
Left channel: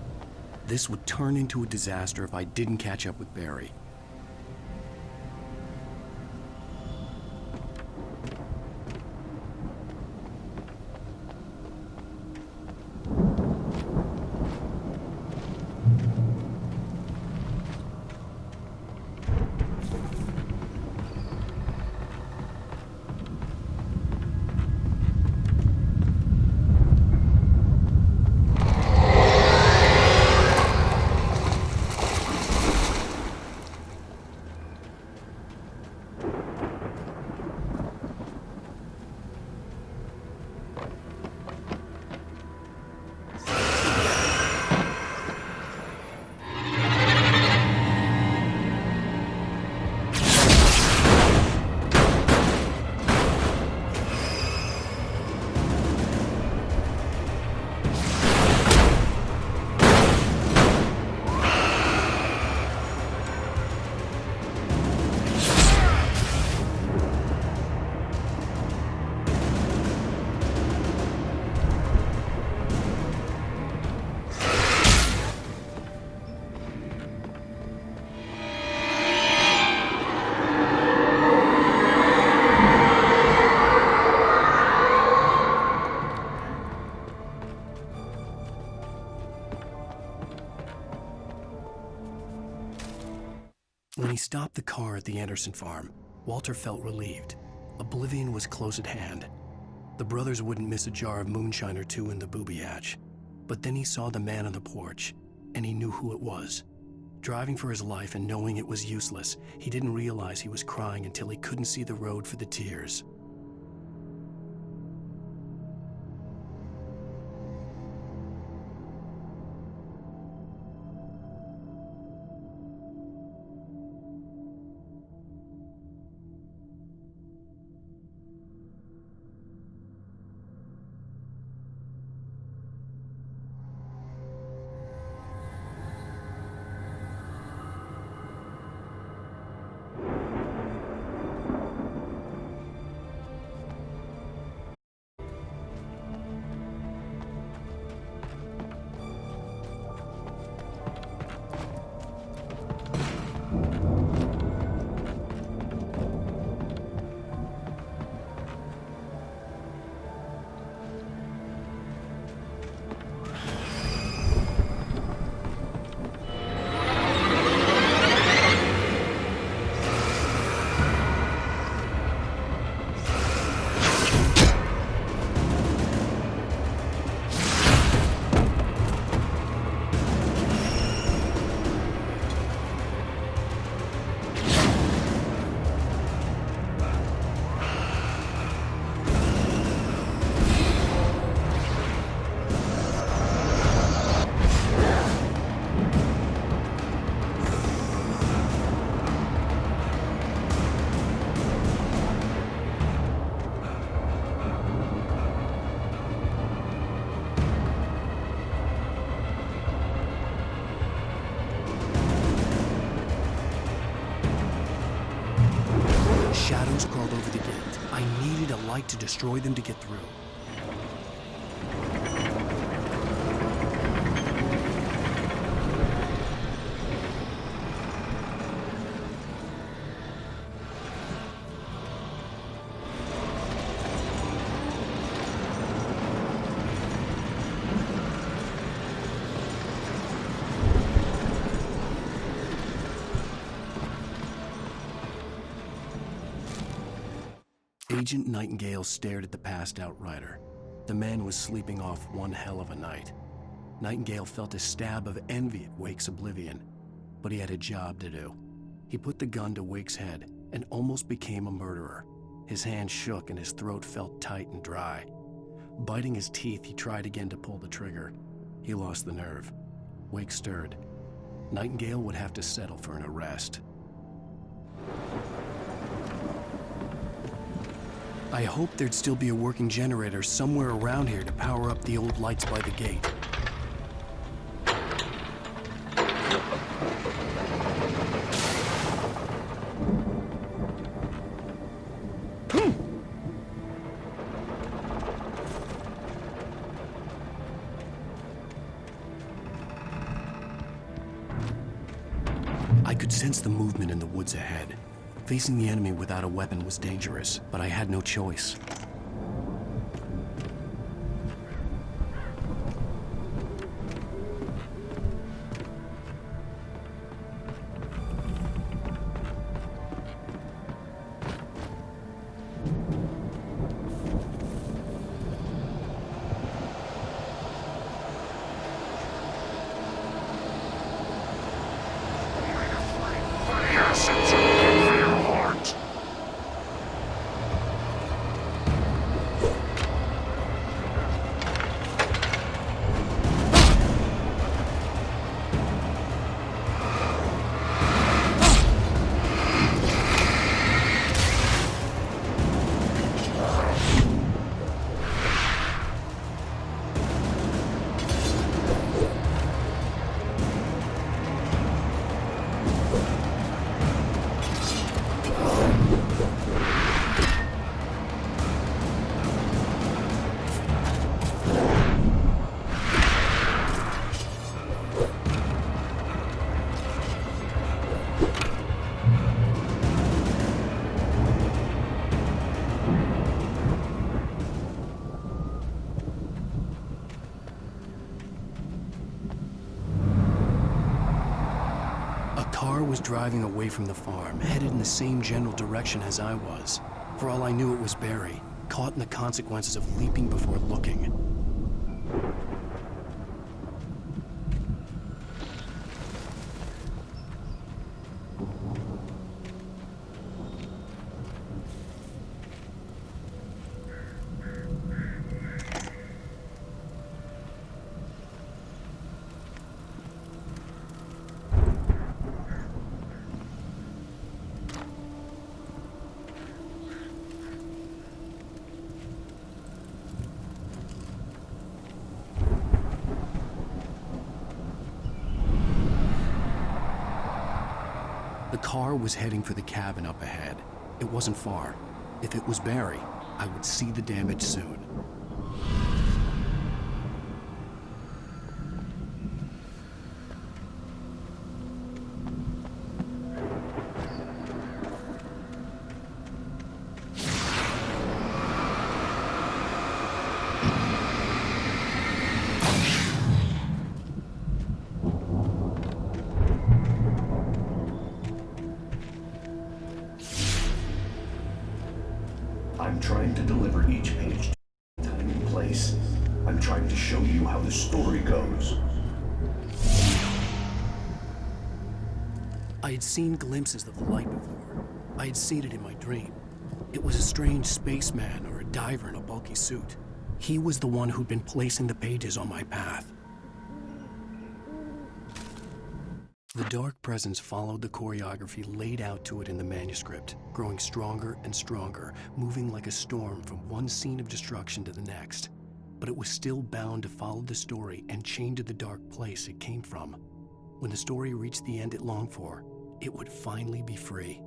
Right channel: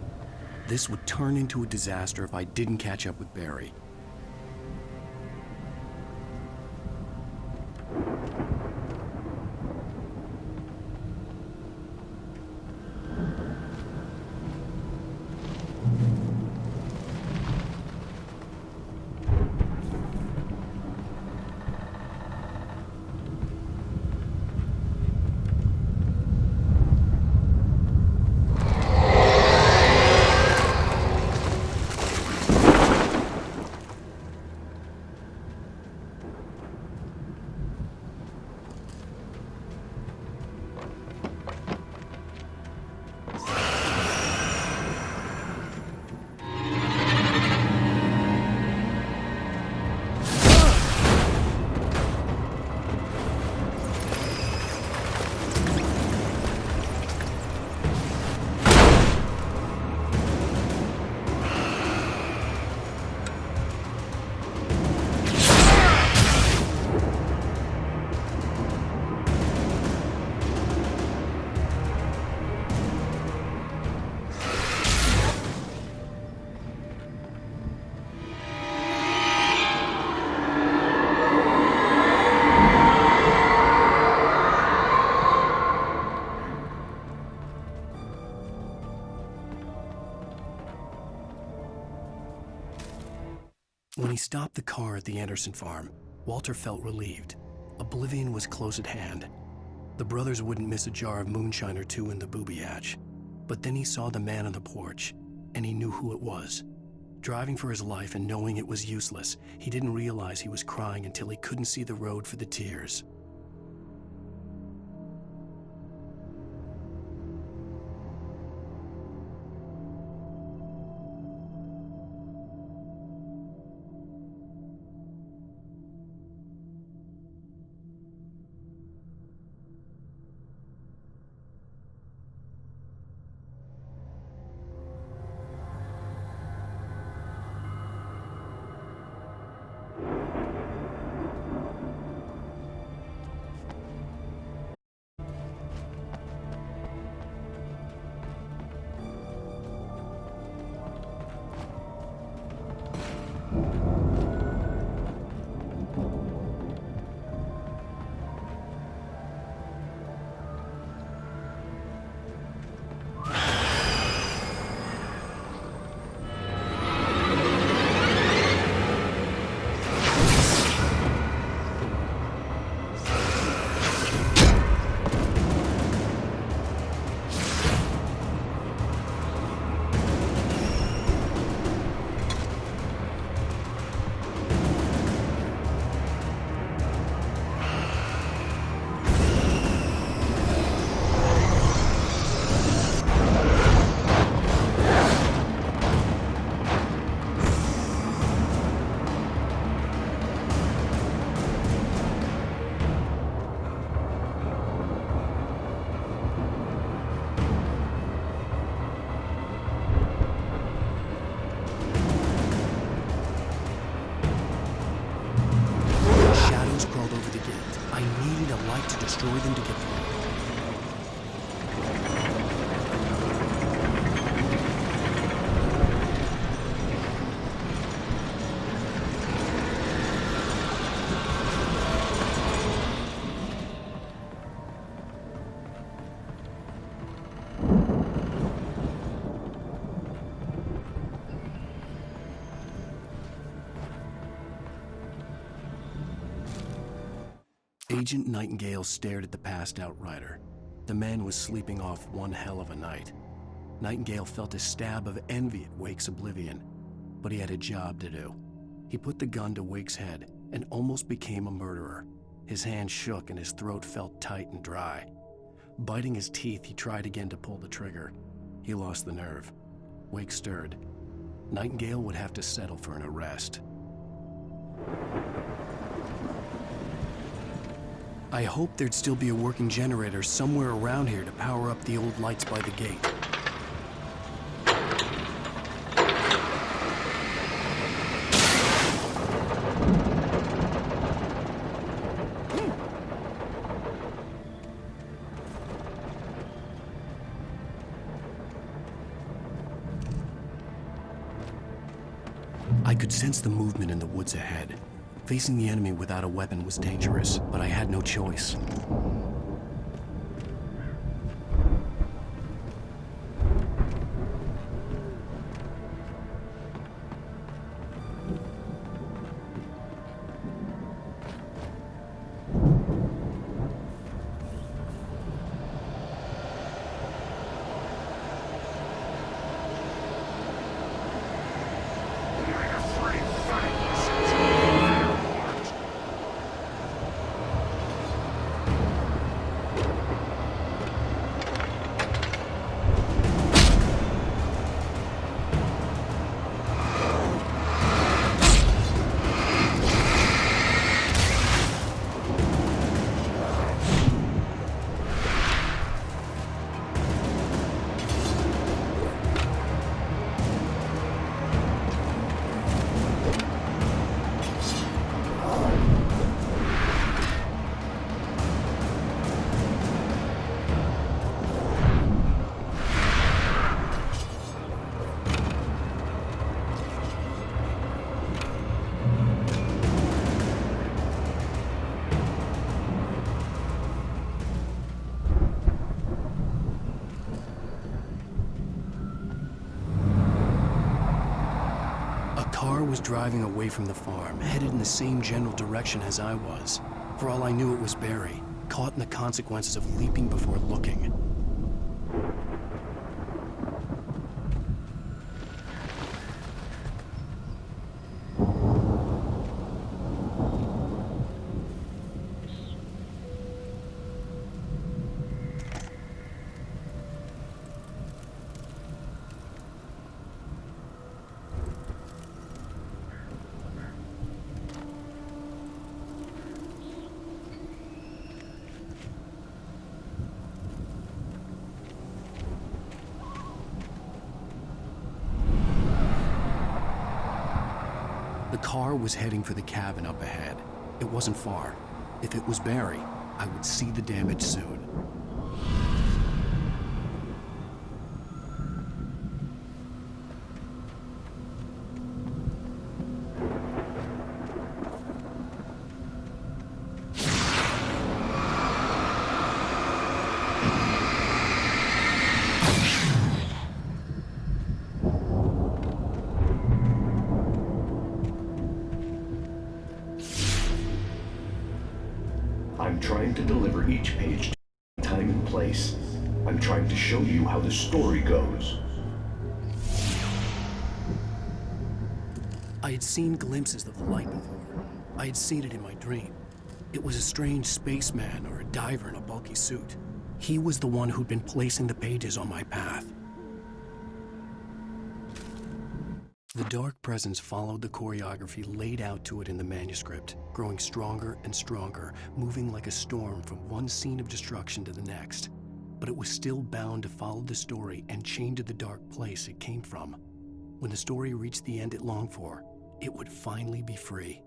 This would turn into a disaster if I didn't catch up with Barry. When he stopped the car at the Anderson farm, Walter felt relieved. Oblivion was close at hand. The brothers wouldn't miss a jar of moonshine or two in the booby hatch. But then he saw the man on the porch, and he knew who it was. Driving for his life and knowing it was useless, he didn't realize he was crying until he couldn't see the road for the tears. over the gate. I needed a light to destroy them to get through. Agent Nightingale stared at the passed-out rider. The man was sleeping off one hell of a night. Nightingale felt a stab of envy at Wake's oblivion, but he had a job to do. He put the gun to Wake's head and almost became a murderer. His hand shook and his throat felt tight and dry. Biting his teeth, he tried again to pull the trigger. He lost the nerve. Wake stirred. Nightingale would have to settle for an arrest. I hoped there'd still be a working generator somewhere around here to power up the old lights by the gate. I could sense the movement in the woods ahead. Facing the enemy without a weapon was dangerous, but I had no choice. Was driving away from the farm, headed in the same general direction as I was. For all I knew, it was Barry, caught in the consequences of leaping before looking. The car was heading for the cabin up ahead. It wasn't far. If it was Barry, I would see the damage soon. I'm trying to deliver each page to time and place. I'm trying to show you how the story goes. I had seen glimpses of the light before. I had seen it in my dream. It was a strange spaceman or a diver in a bulky suit. He was the one who'd been placing the pages on my path. The dark presence followed the choreography laid out to it in the manuscript, growing stronger and stronger, moving like a storm from one scene of destruction to the next. But it was still bound to follow the story and chained to the dark place it came from. When the story reached the end it longed for, it would finally be free.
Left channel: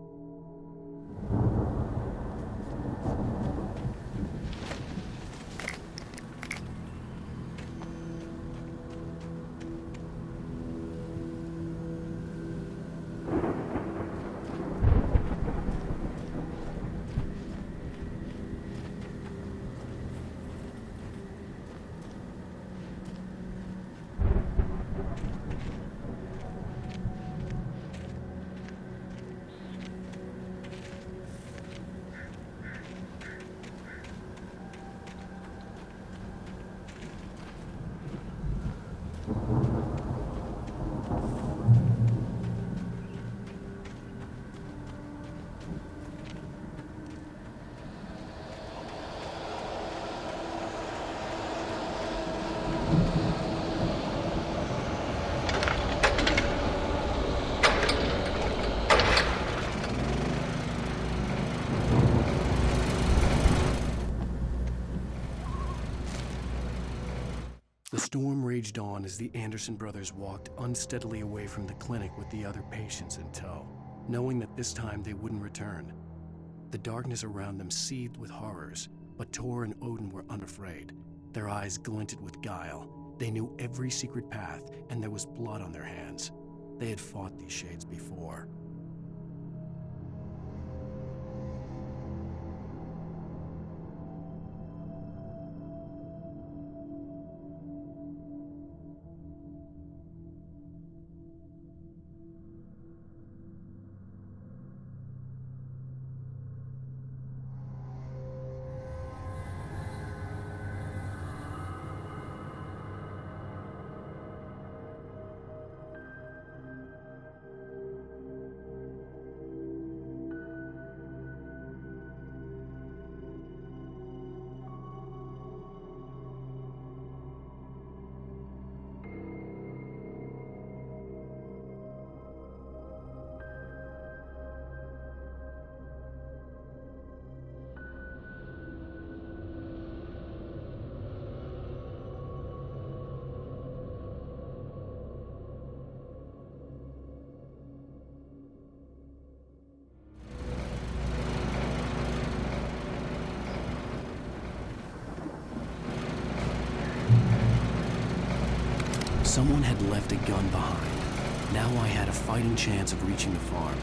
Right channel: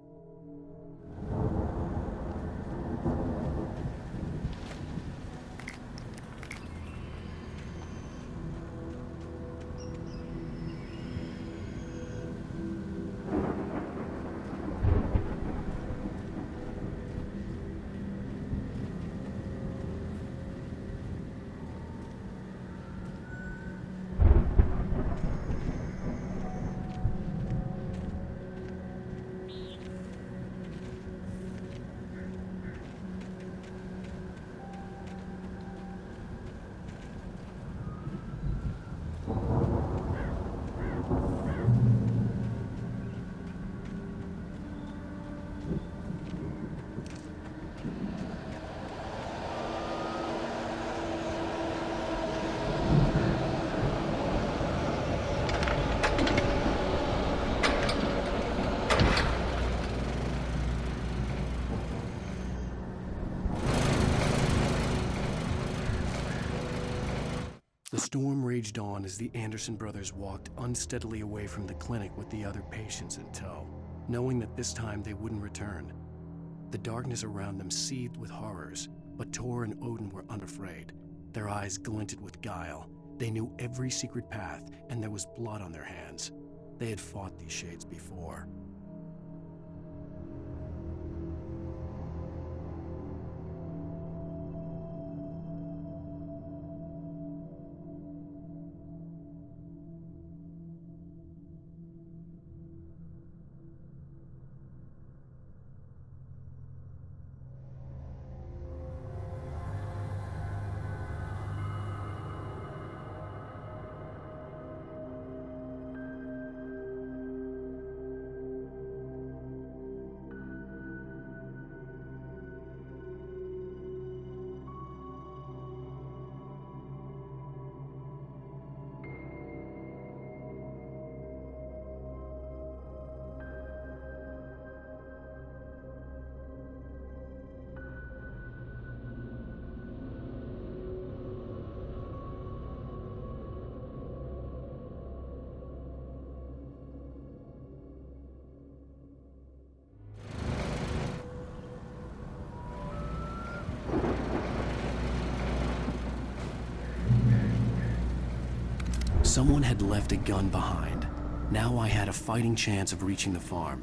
The storm raged on as the Anderson brothers walked unsteadily away from the clinic with the other patients in tow, knowing that this time they wouldn't return. The darkness around them seethed with horrors, but Tor and Odin were unafraid. Their eyes glinted with guile. They knew every secret path, and there was blood on their hands. They had fought these shades before. Someone had left a gun behind. Now I had a fighting chance of reaching the farm.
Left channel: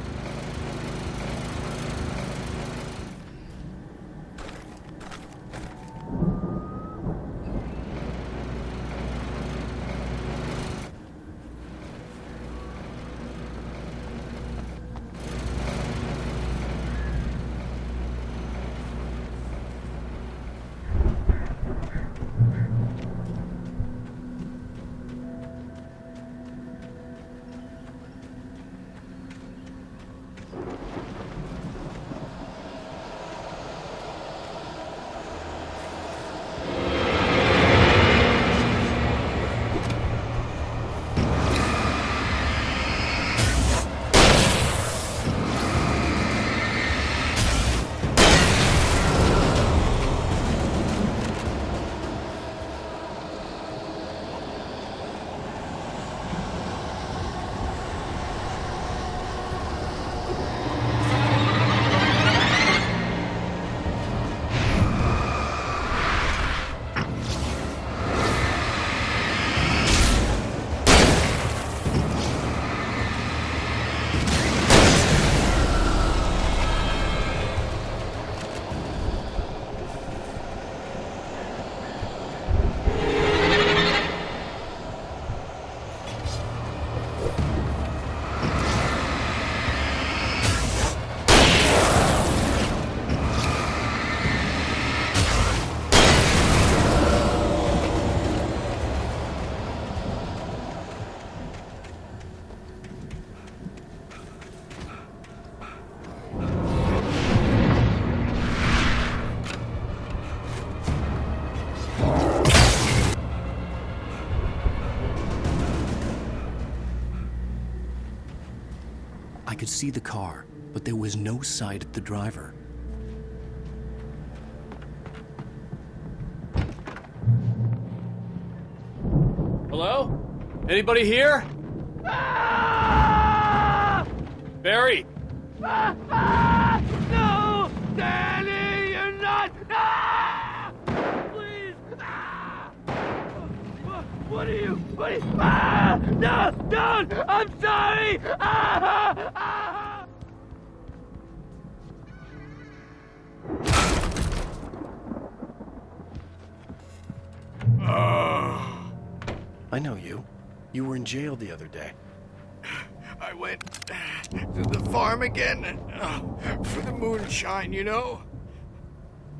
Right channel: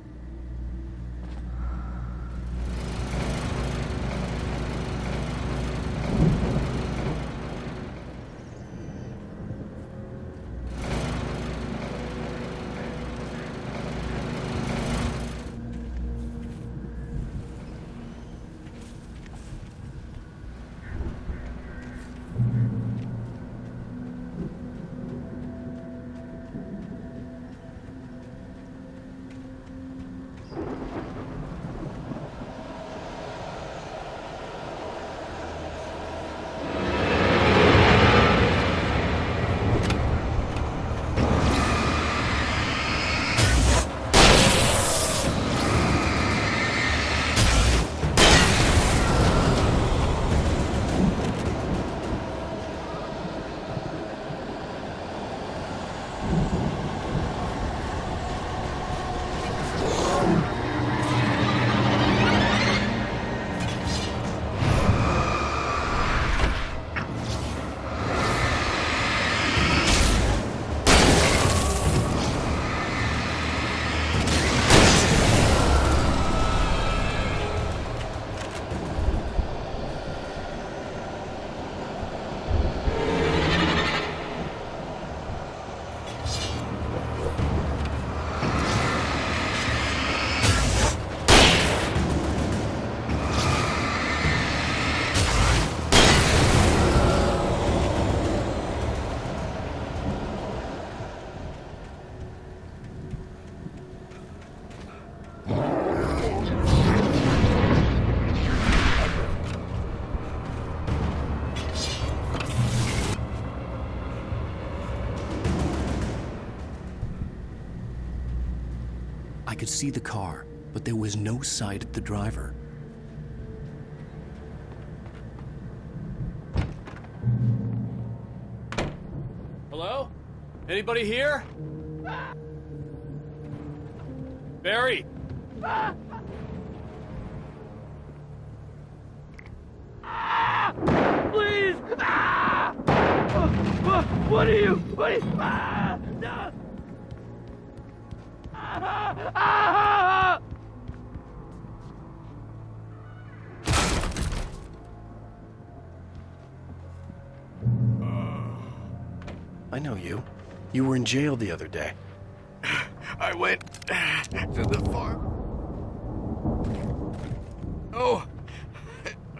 I could see the car, but there was no sight of the driver. Hello? Anybody here? Barry! No! Danny, you're not! Please! What are you? No! Don't! I'm sorry! I know you. You were in jail the other day. I went to the farm again for the moonshine, you know?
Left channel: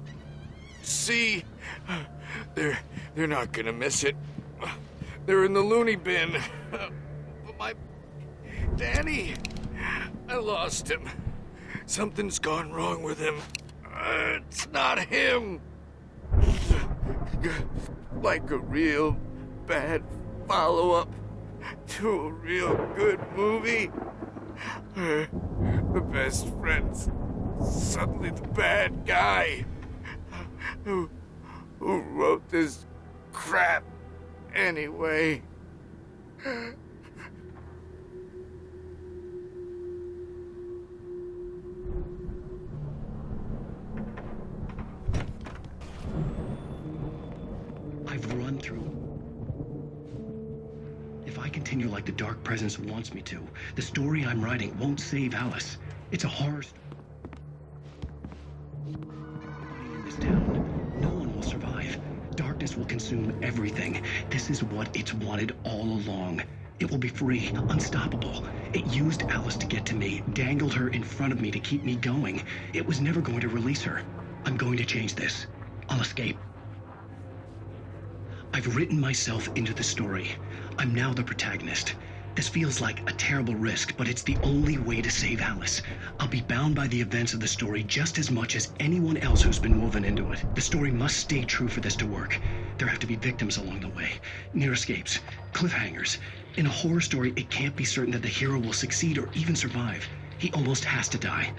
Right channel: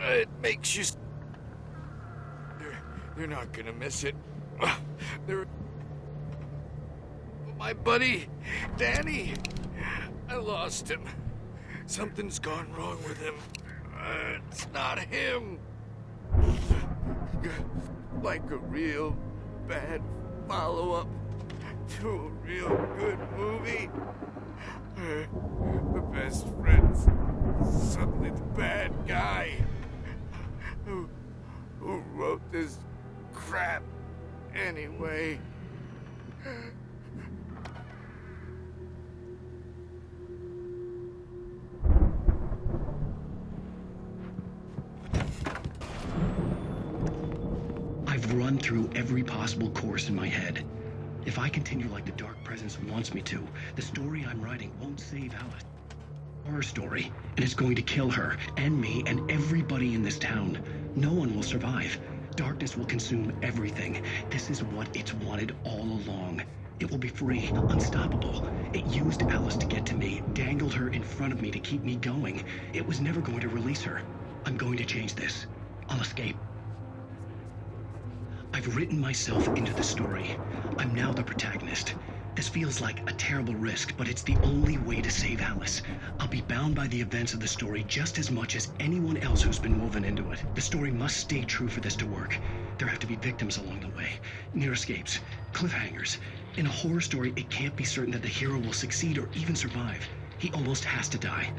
It makes you see. They're not gonna miss it. They're in the loony bin. But my buddy, Danny, I lost him. Something's gone wrong with him. It's not him. Like a real bad follow-up to a real good movie. The best friend's suddenly the bad guy who wrote this crap anyway. I've run through every possible course in my head. If I continue like the Dark Presence wants me to, the story I'm writing won't save Alice. It's a horror story, and it's going to kill her, and me, and everybody in this town. No one will survive. Darkness will consume everything. This is what it's wanted all along. It will be free, unstoppable. It used Alice to get to me, dangled her in front of me to keep me going. It was never going to release her. I'm going to change this. I'll escape. I've written myself into the story. I'm now the protagonist. This feels like a terrible risk, but it's the only way to save Alice. I'll be bound by the events of the story just as much as anyone else who's been woven into it. The story must stay true for this to work. There have to be victims along the way, near escapes, cliffhangers. In a horror story, it can't be certain that the hero will succeed or even survive. He almost has to die.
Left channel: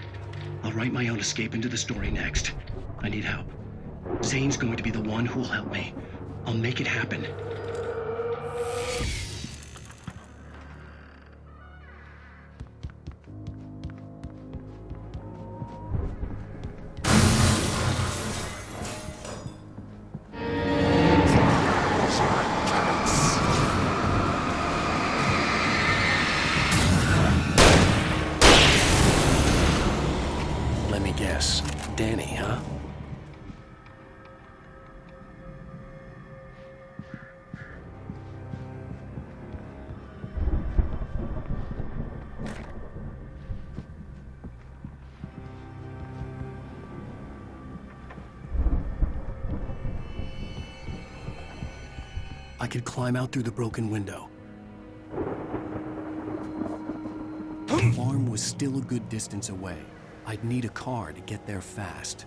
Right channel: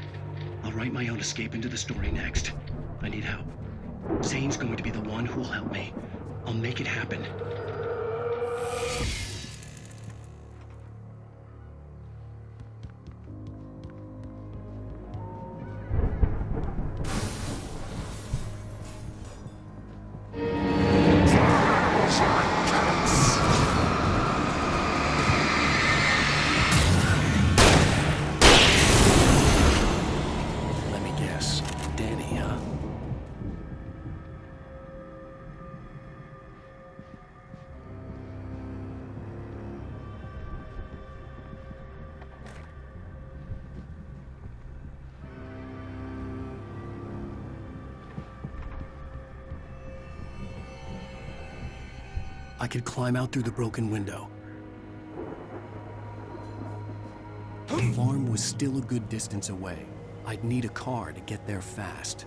I'll write my own escape into the story next. I need help. Zane's going to be the one who will help me. I'll make it happen. Let me guess. Danny, huh? I could climb out through the broken window. The farm was still a good distance away. I'd need a car to get there fast.